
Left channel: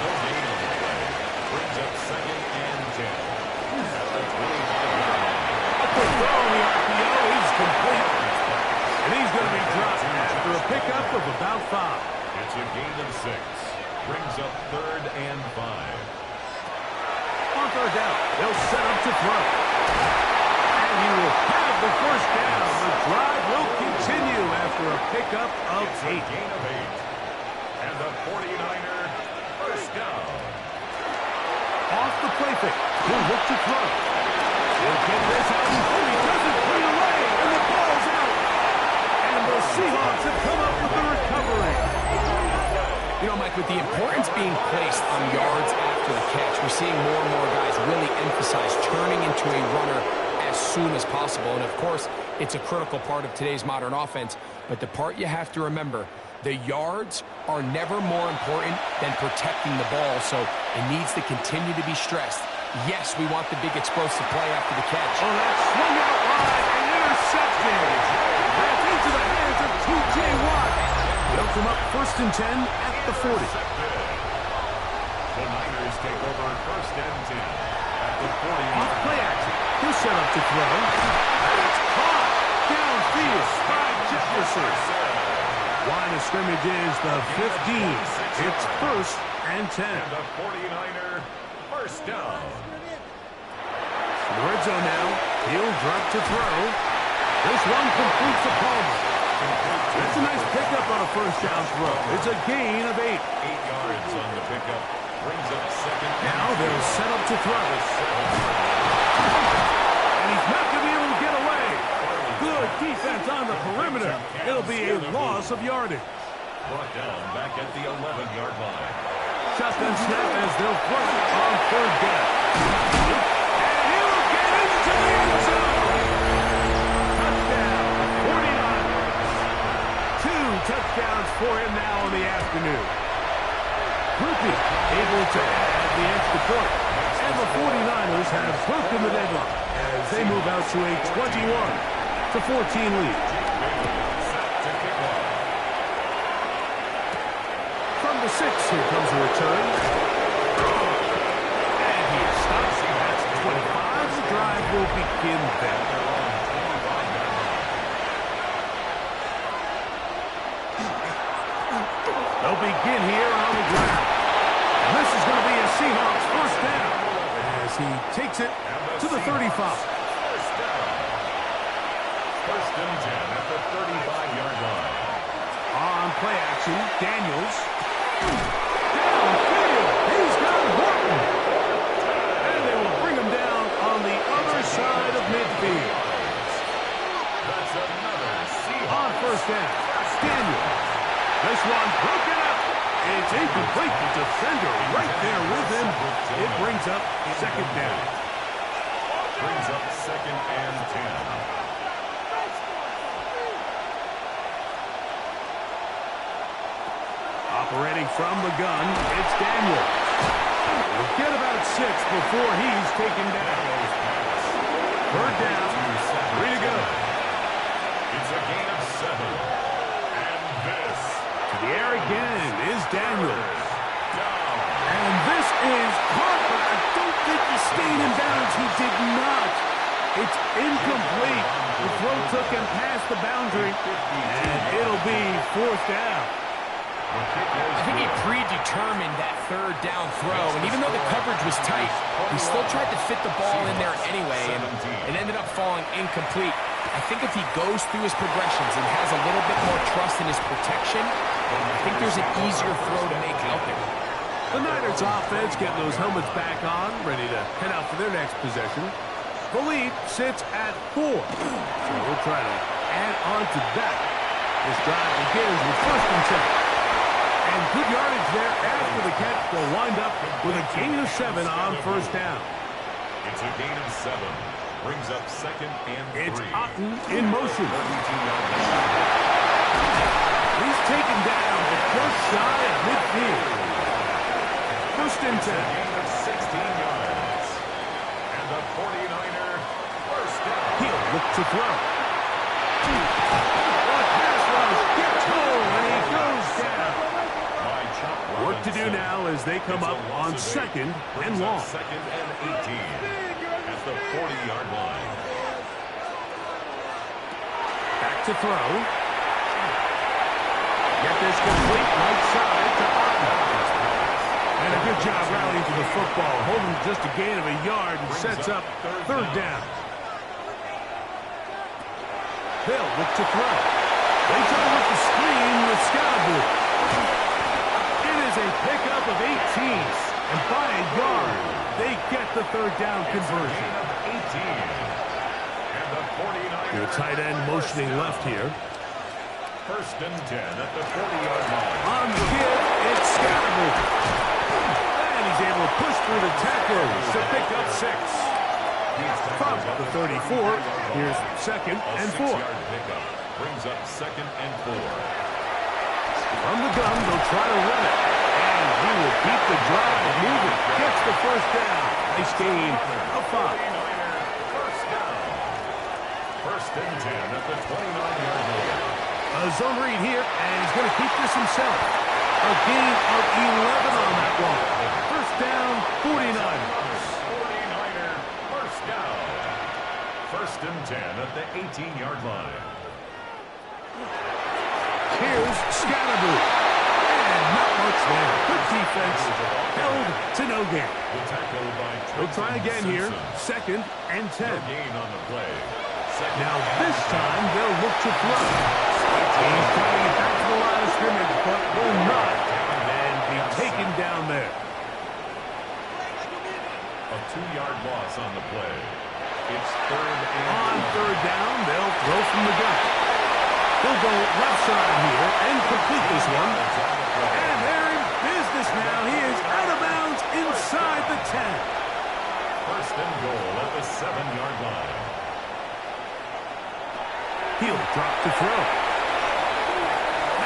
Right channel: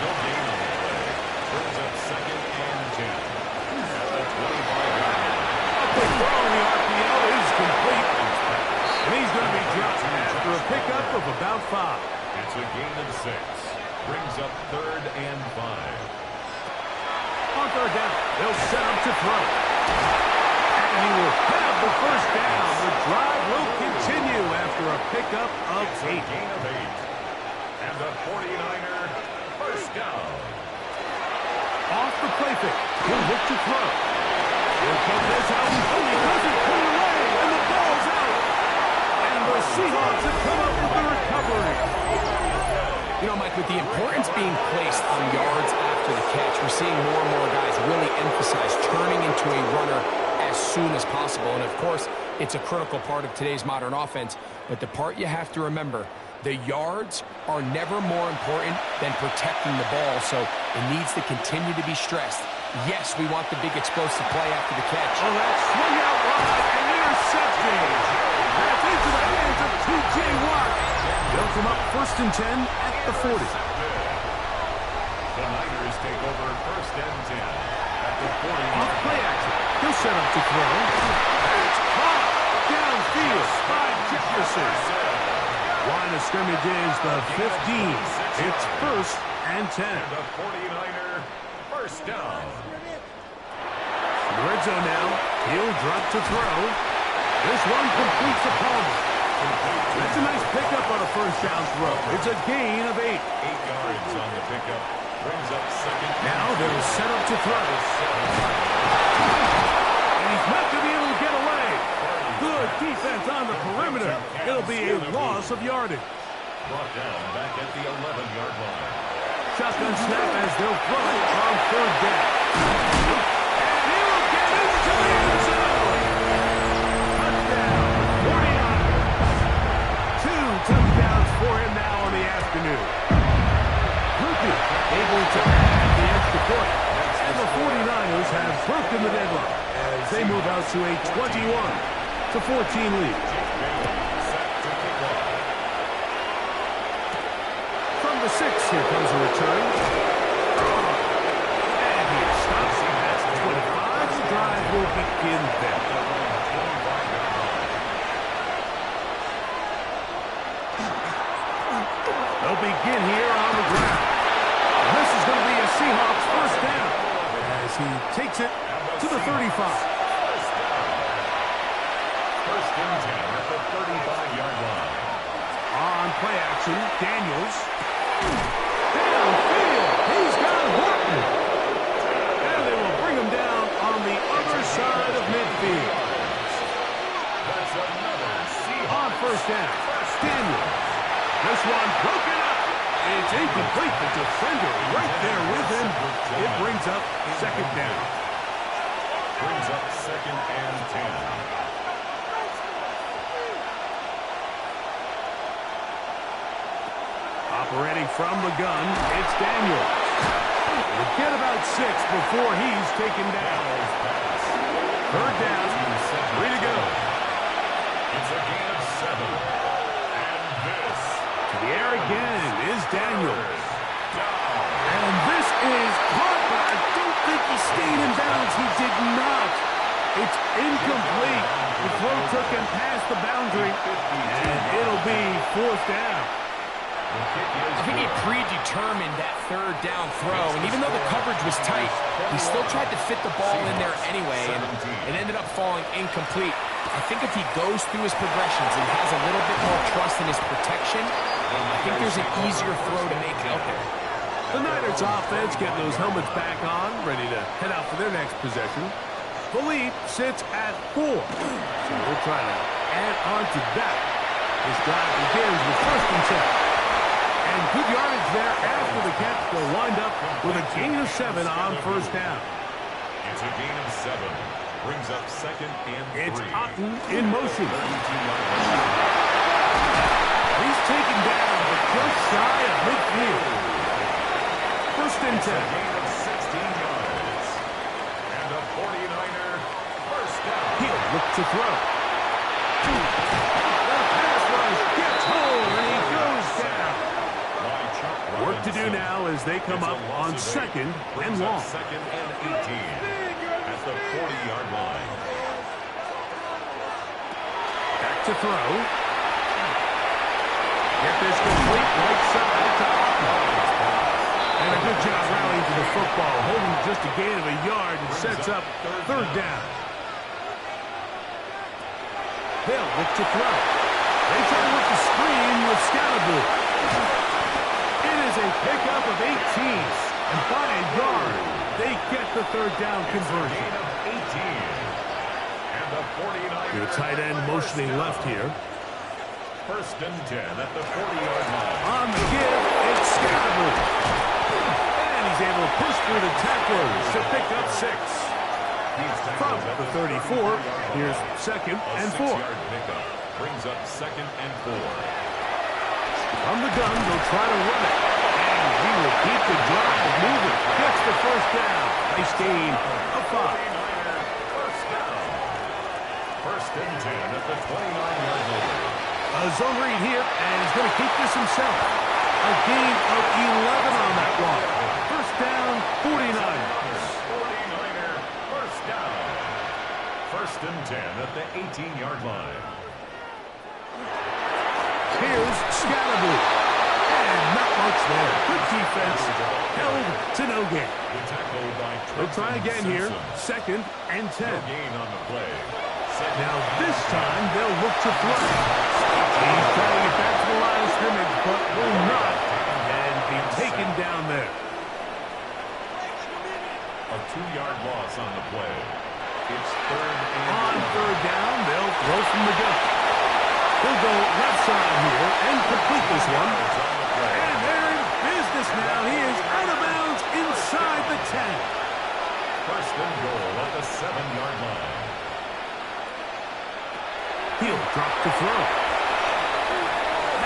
No gain on the play. Brings up second and 10. At the 25-yard line. A quick throw on the RPO is complete. And he's going to be dropped after a pickup of about 5. It's a gain of 6. Brings up third and 5. On third down, they'll set up to throw. And he will have the first down. The drive will continue after a pickup of 8. It's a gain of 8. And the 49er first down. Off the play fake, he'll look to throw. He'll get this out. Oh, he doesn't put it away, and the ball's out. And the Seahawks have come up with the recovery. You know, Mike, with the importance being placed on yards after the catch, we're seeing more and more guys really emphasize turning into a runner as soon as possible. And, of course, it's a critical part of today's modern offense. But the part you have to remember, the yards are never more important than protecting the ball, so it needs to continue to be stressed. Yes, we want the big explosive play after the catch. Oh, that swung out wide and intercepted. That's into the hands of T.J. Watt. They'll come up first and 10 at the 40. The Niners take over first and 10 at the 40. Off play action. He'll set up to throw. And it's caught downfield by Jefferson. Line of scrimmage is the 15. It's first and 10. And the 49er first down. In the red zone now. He'll drop to throw. This one completes to Palmer. That's a nice pickup on a first down throw. It's a gain of 8. 8 yards on the pickup. Brings up second. Now they'll set up to throw. And he's not going to be able to get away. Good defense on the perimeter. It'll be a loss of yardage. Brought down back at the 11-yard line. Shotgun snap as they'll throw it on third down. And he will get into the end zone. Touchdown, 49. 2 touchdowns for him now on the afternoon. Groupie able to add the extra point. And the 49ers have broken the deadlock as they move out to a 21-14 lead. Set to kick off. From the 6, here comes a return. And he stops. That's 25. The drive will begin then. Their own 25-yard line. They'll begin here on the ground. And this is going to be a Seahawks first down as he takes it to the 35. First down. First and 10 at the 35-yard line. On play action, Daniels. Downfield. He's got Horton. And they will bring him down on the other side of midfield. That's another Seahawks. On first down, Daniels. This one broken up. It's incomplete. The defender right there with him. It brings up second down. Brings up second and 10. Operating from the gun, it's Daniels. We'll get about 6 before he's taken down. Third down, 3 to go. It's a gain of 7. And this To the air again is Daniels. down. And this is caught, but I don't think he stayed in bounds. He did not. It's incomplete. The throw took him past the boundary, and it'll be fourth down. I think he predetermined that third down throw, and even though the coverage was tight, he still tried to fit the ball in there anyway, and it ended up falling incomplete. I think if he goes through his progressions and has a little bit more trust in his protection, I think there's an easier throw to make out there. The Niners offense getting those helmets back on, ready to head out for their next possession. The lead sits at 4, so we'll try to add on to that. This drive begins with first and 10. And good yardage there after the catch. They'll wind up with a gain of 7 on first down. It's a gain of 7. Brings up second and 3. It's Otten in motion. 32-yard line. He's taken down, but just shy of midfield. First and 10. It's a gain of 16 yards. And the 49er first down. He'll look to throw. The pass rush gets home, and he goes down. Work to do now as they come up on second and long. Second and 18 at the 40-yard line. Back to throw. Get this complete right side to Otten. And a good job rallying to the football, holding just a gain of a yard and sets up third down. They'll look to throw. They try to work the screen with Scalaboo. It is a pickup of 18, and by a yard, they get the third down conversion. Gain of 18. And the 49ers. The tight end motioning left here. First and 10 at the 40-yard line. On the give, it's Scalaboo. And he's able to push through the tacklers to pick up 6. From the 34, here's second and 4. A 6-yard pickup brings up second and 4. From the gun, they'll try to run it. And he will keep the drive moving. Gets the first down. Nice gain of 5. 49er first down. First and 10 at the 29-yard line. A zone read here, and he's going to keep this himself. A gain of 11 on that one. First down, 49ers. 49er first down. First and 10 at the 18-yard line. Here's Scalaboo. And not much there. Good defense. Held to no gain. The tackle by They'll try again here. Simpson. Second and 10. No gain on the play. Second Now and this 10. time they'll look to throw. He's trying to get back to the line of scrimmage, but will not and be taken down there. A 2-yard loss on the play. It's third and On 11. third down, they'll throw from the gun. He'll go left side here and complete this one. Yards on the play. And they're in business now. He is out of bounds inside the 10. First and goal at the 7-yard line. He'll drop to throw.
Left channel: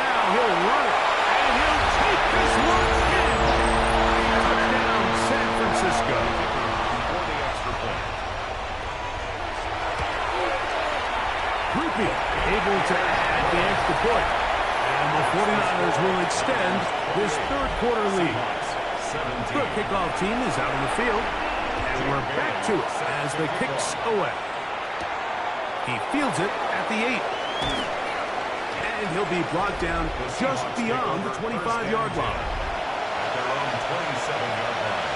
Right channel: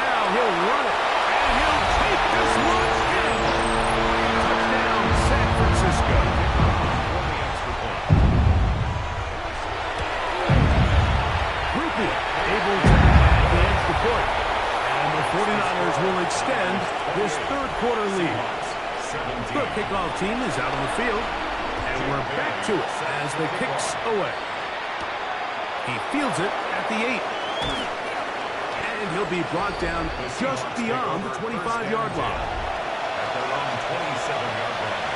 Now he'll run it, and he'll take this one in. Touchdown, San Francisco. For the extra point. Rupi able to add the extra point. And the 49ers will extend this third quarter lead. The kickoff team is out on the field, and we're back to it as the kicks away. He fields it at the 8. And he'll be brought down just beyond the 25-yard line. At their own 27-yard line.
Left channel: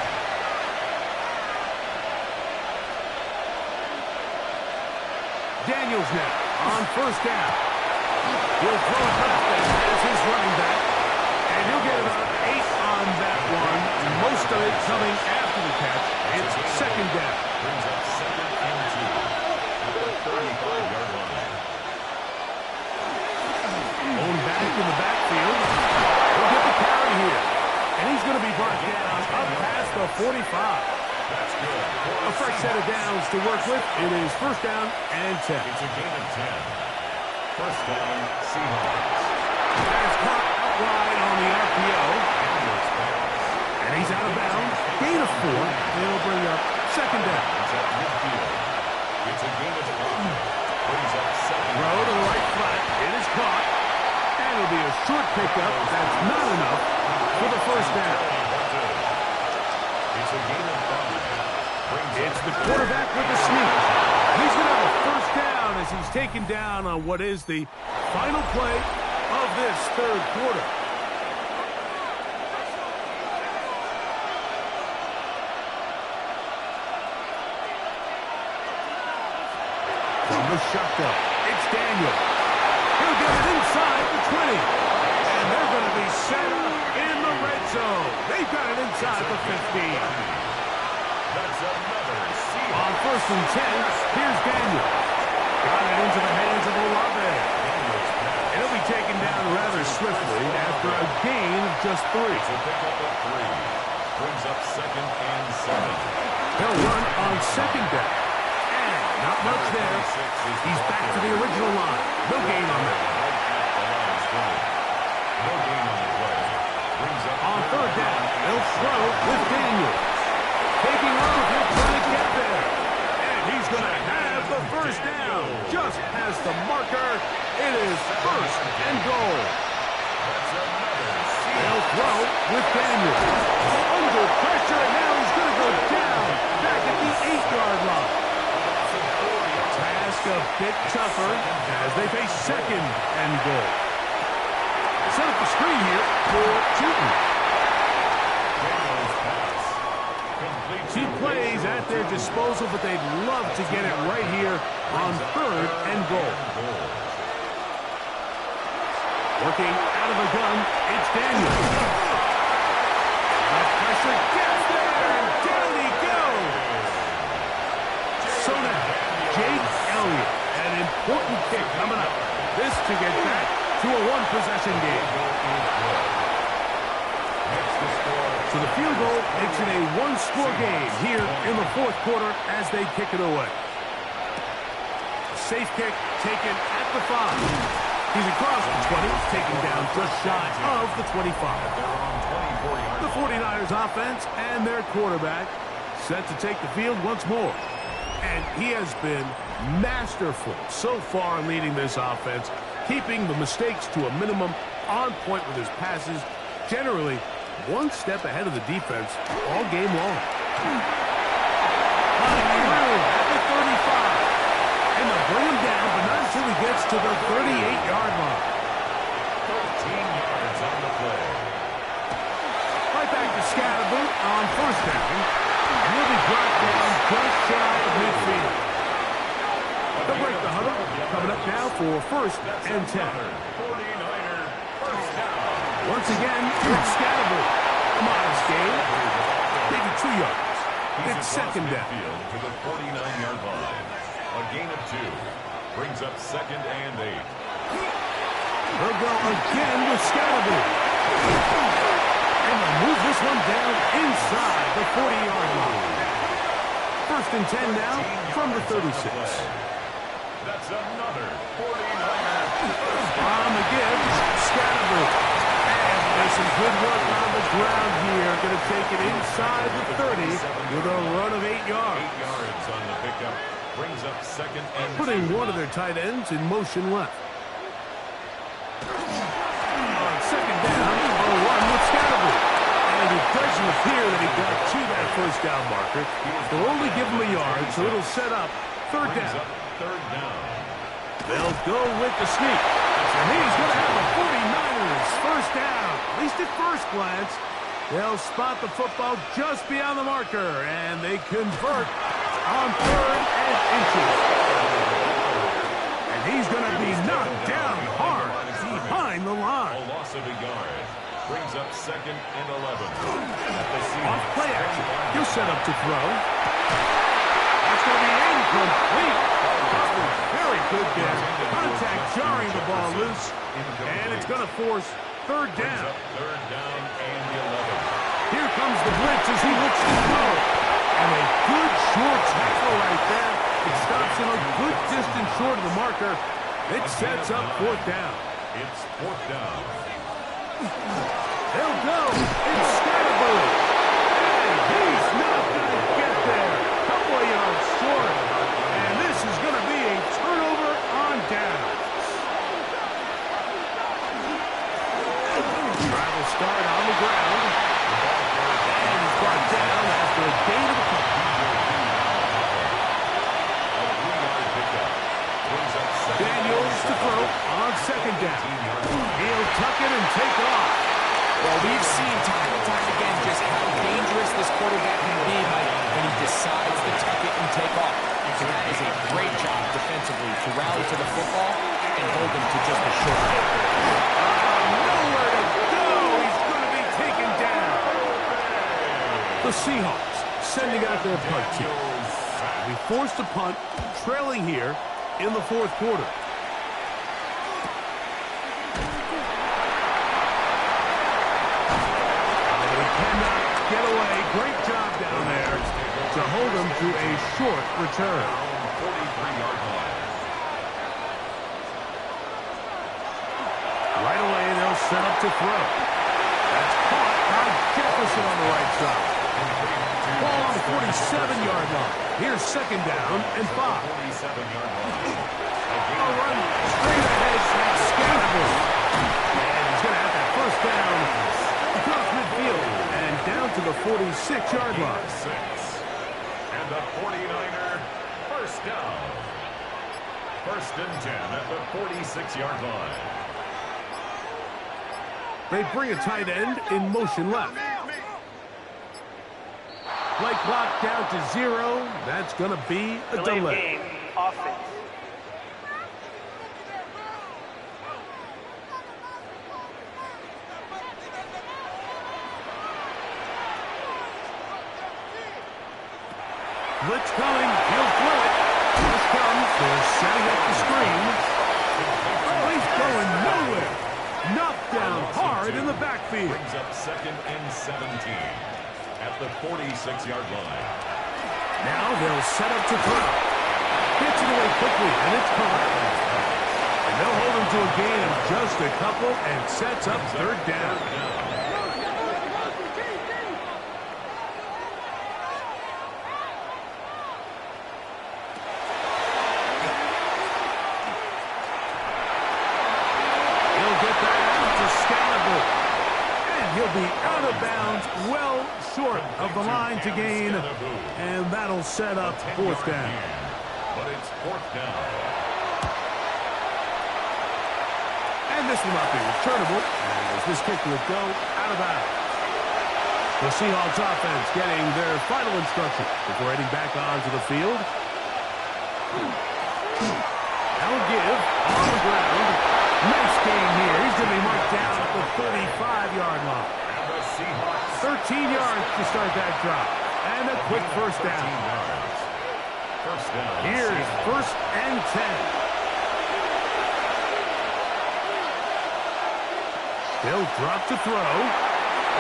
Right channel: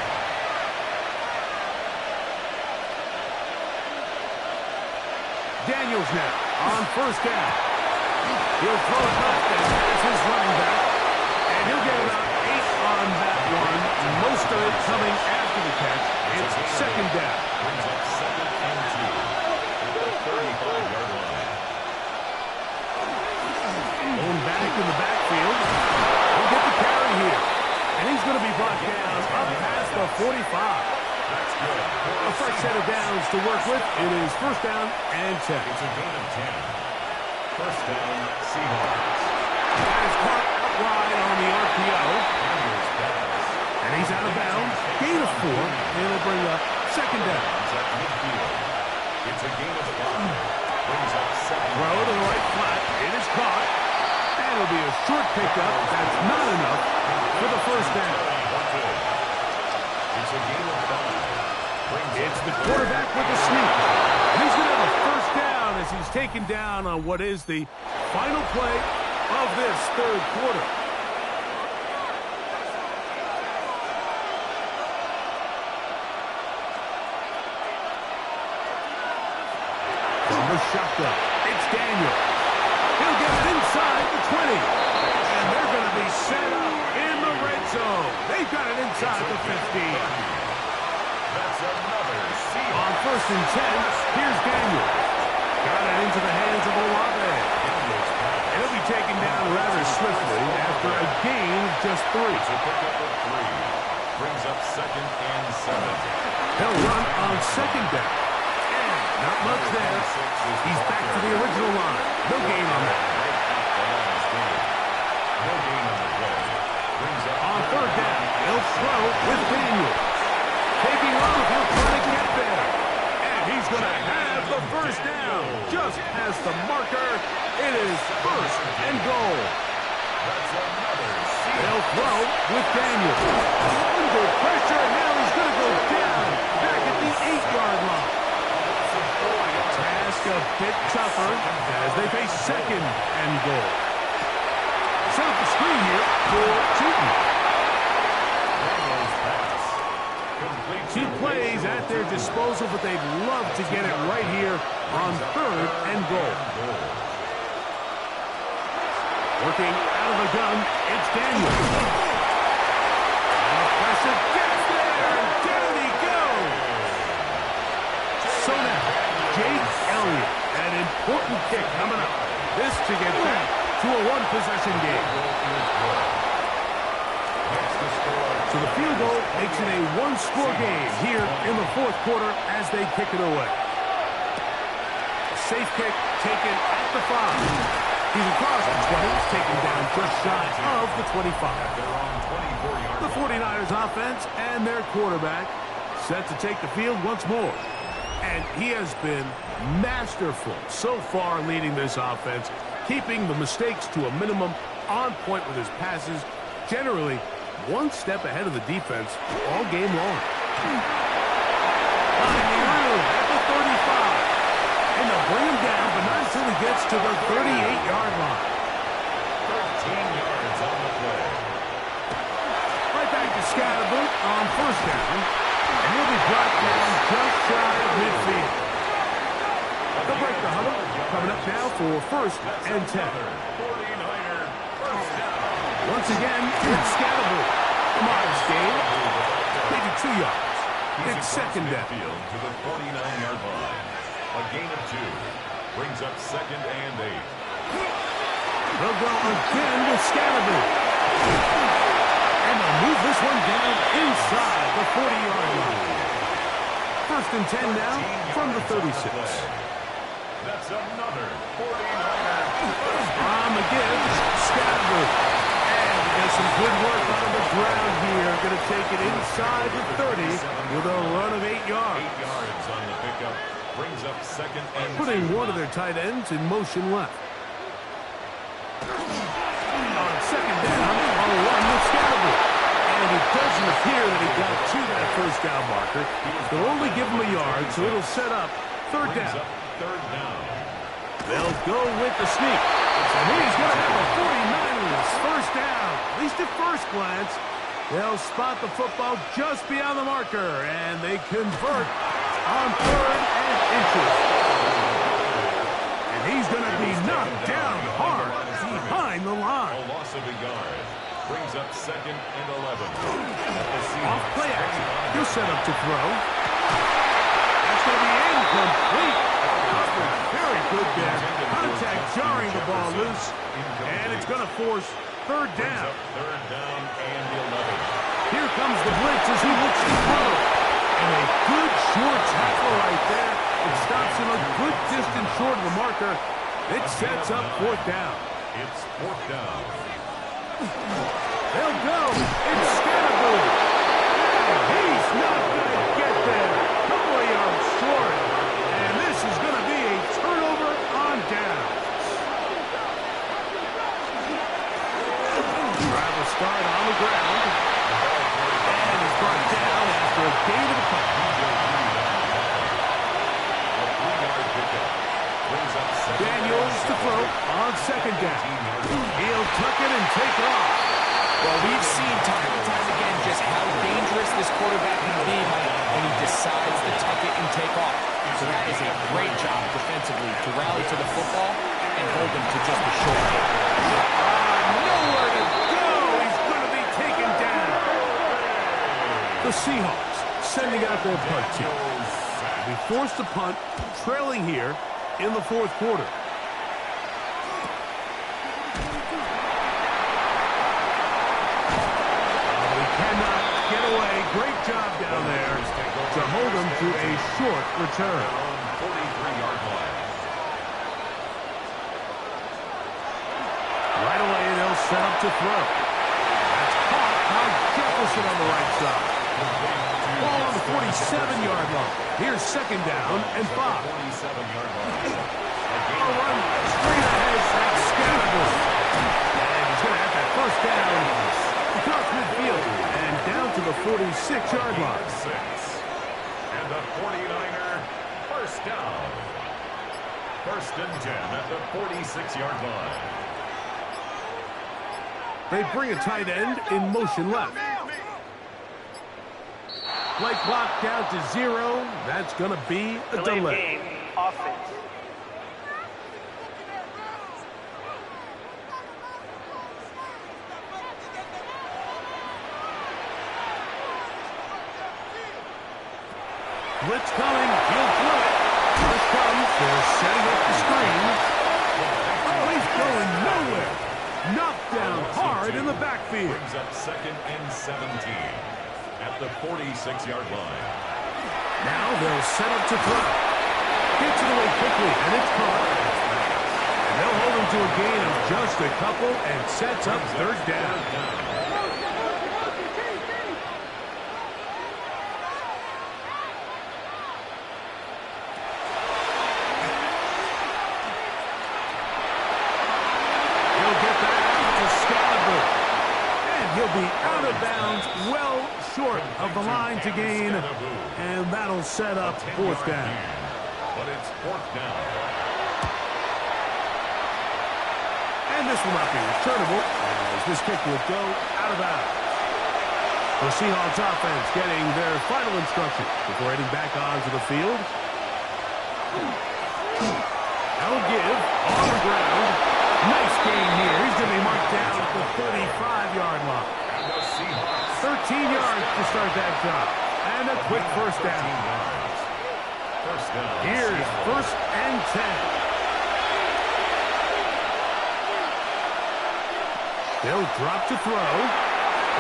Daniels now on first down. He'll throw it left and has his running back. And he'll get about 8 on that one. Most of it coming after the catch. It's second down. Brings up second and 2. At the 35-yard line. Own back in the backfield. He'll get the carry here. And he's going to be brought down up past the 45. That's good. A fresh set of downs to work with. It is first down and 10. It's a gain of 10. First down, Seahawks. That is caught out wide on the RPO. Daniels pass. And he's out of bounds. Gain of 4. It'll bring up second down. It's at midfield. It's a gain of 5. Brings up second. Throw to the right flat. It is caught. And it'll be a short pickup. That's not enough for the first down. It's a gain of 5. It's the quarterback with the sneak. And he's going to have a first down as he's taken down on what is the final play of this third quarter. From the shotgun, it's Daniel. He'll get it inside the 20. And they're going to be set up in the red zone. They've got it inside the 15. That's another Seahawks. On first and 10, here's Daniel. Got it into the hands of Olave. Daniels pass. And he'll be taken down rather swiftly after a gain of just 3. It's a pickup of 3. Brings up second and 7. He'll run on second down. And Not much there. He's back to the original line. No gain on that. No gain on the play. Brings up on third down, they'll throw with Daniels. Taking off, he'll try to get there. And he's going to have the first down. Just past the marker. It is first and goal. That's another They'll throw with Daniels. Under pressure, and now he's going to go down. Back at the 8-yard line. Task a bit tougher as they face second and goal. Set up the screen here for Tootin. Two plays at their disposal, but they'd love to get it right here on third and goal. Working out of the gun, it's Daniels. And the pressure gets there, and down he goes. So now, Jake Elliott, an important kick coming up. This to get back to a one-possession game. So the field goal makes it a one-score game here in the fourth quarter as they kick it away. A safe kick taken at the 5. He's across the 20, taken down just shy of the 25. The 49ers offense and their quarterback set to take the field once more. And he has been masterful so far leading this offense, keeping the mistakes to a minimum, on point with his passes, generally one step ahead of the defense all game long. Finding room at the 35. And they'll bring him down, but not until he gets to the 38-yard line. 13 yards on the play. Right back to Scatterboot on first down. And he'll be brought down just shy of midfield. They'll break the huddle. Coming up now for first and 10. 49er first down. Once again, it's Scatterboot. A modest gain. Maybe 2 yards. It's second down. To the 49-yard line. A gain of 2. Brings up second and 8. They'll go again with Scatterboot. And they'll move this one down inside the 40-yard line. First and 10 now from the 36. That's another 49er. On the give, Scatterboot. And he does some good work on the ground here. Going to take it inside the 30 with a run of 8 yards. 8 yards on the pickup. Brings up second and putting 2. one of their tight ends in motion left. On second down, on a run with Scatterboot. And it doesn't appear that he got to that first down marker. They'll only give him a yard, so it'll set up third down. Third down. They'll go with the sneak. And he's going to have the 49ers first down. At least at first glance. They'll spot the football just beyond the marker. And they convert on third and inches. And he's going to be knocked down hard behind the line. A loss of a yard. Brings up second and 11. Off play action. He'll set up to throw. That's going to be incomplete. Coverage very good there. Contact jarring the ball loose. And it's going to force third down. Third down and 11. Here comes the blitz as he looks to throw. And a good short tackle right there. It stops him a good distance short of the marker. It sets up fourth down. It's fourth down. They'll go. It's Scatterboot. And he's not going to get there. Couple of yards short. And this is going to be a turnover on downs. Travel start on the ground. And he's brought down after a gain of a couple. A 3-yard pickup. Brings up second. Daniels to throw on second down. He'll tuck it and take off. Well, we've seen time and time again just how dangerous this quarterback can be, Mike, when he decides to tuck it and take off. So that is a great job defensively to rally to the football and hold him to just a short game. Nowhere to go. He's going to be taken down. The Seahawks sending out their punt team. We forced to punt, trailing here in the fourth quarter. But he cannot get away. Great job down there to hold them to a short return. 43-yard line. Right away, they'll set up to throw. That's caught by Jefferson on the right side. Ball on the 47-yard line. Here's second down and 5. 47-yard line. A run straight ahead. That's Scatterbush. And he's going to have that first down across midfield and down to the 46-yard line. 6. And the 49er first down. First and 10 at the 46-yard line. They bring a tight end in motion left. Play clock down to 0. That's going to be a delay. Game, offense. Blitz coming. He'll throw it. Rush comes. They're setting up the screen. Oh, he's going nowhere. Knocked down hard in the backfield. Brings up second and 17 at the 46-yard line. Now they'll set up to throw. Gets it away quickly, and it's caught. And they'll hold him to a gain of just a couple and sets up third down. He'll get that out to Scalaboo. And he'll be out of bounds, well short of the line to gain. And that'll set up fourth down. But it's fourth down. And this will not be returnable as this kick will go out of bounds. The Seahawks offense getting their final instruction before heading back onto the field. That'll give on the ground. Nice gain here. He's going to be marked down at the 35-yard line. And the Seahawks 13 yards to start that drive. And a quick first down. yards. First down. Here's Seattle. first and 10. They'll drop to throw.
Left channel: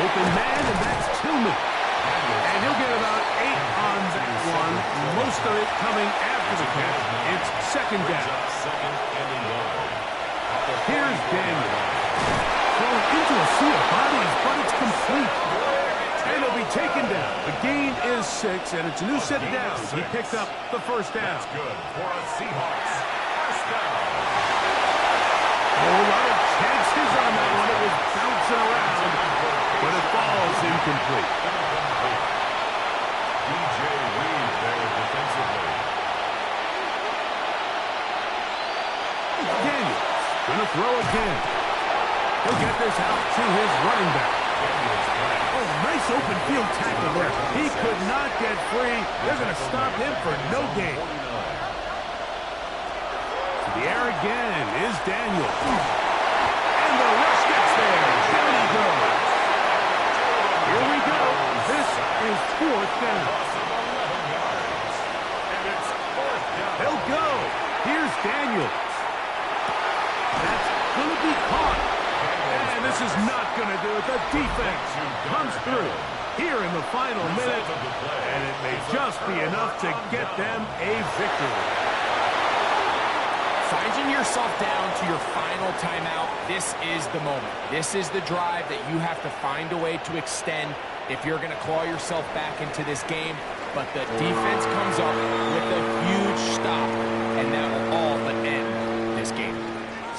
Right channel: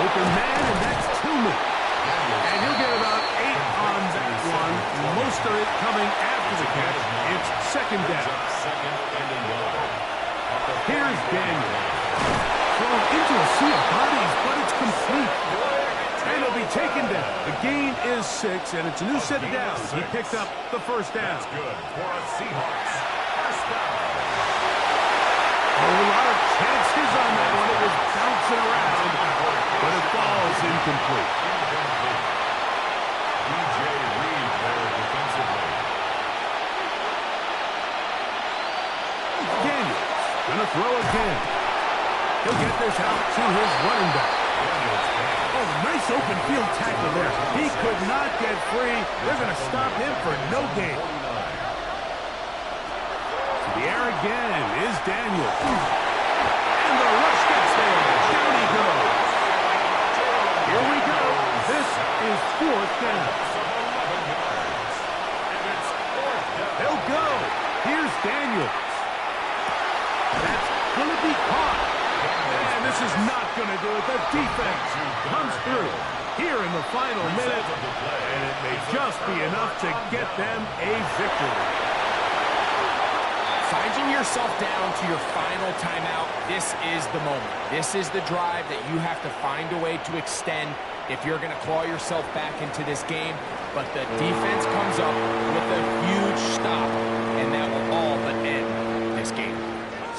Open man, and that's Tillman. And he'll get about 8 on that one. Most of it coming after the catch. It's second Brings down. up second and a yard. At the Here's 40-yard Daniel. line. Thrown into a sea of bodies, but it's complete. And it'll be taken down. The gain is 6, and it's a new set of downs. He picked up the first down. That's good for a Seahawks. First down. A whole lot of chances on that one. It was bouncing around, but it falls incomplete. Incomplete. DJ Reed there defensively. Daniels gonna throw again. He'll get this out to his running back. Oh, nice open field tackle there. He could not get free. They're gonna stop him for no gain. 49. To the air again is Daniels. And the rush gets there. Down he goes. Here we go. This is fourth down. Loss of 11 yards. And it's fourth down. They'll go. Here's Daniels. That's going to be caught. And this is not going to do it. The defense comes through here in the final minute. And it may just be enough to get them a victory. Finding yourself down to your final timeout, this is the moment. This is the drive that you have to find a way to extend if you're going to claw yourself back into this game. But the defense comes up with a huge stop, and that will all but end this game.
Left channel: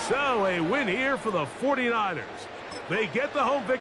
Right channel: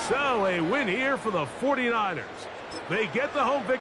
So a win here for the 49ers. They get the home victory.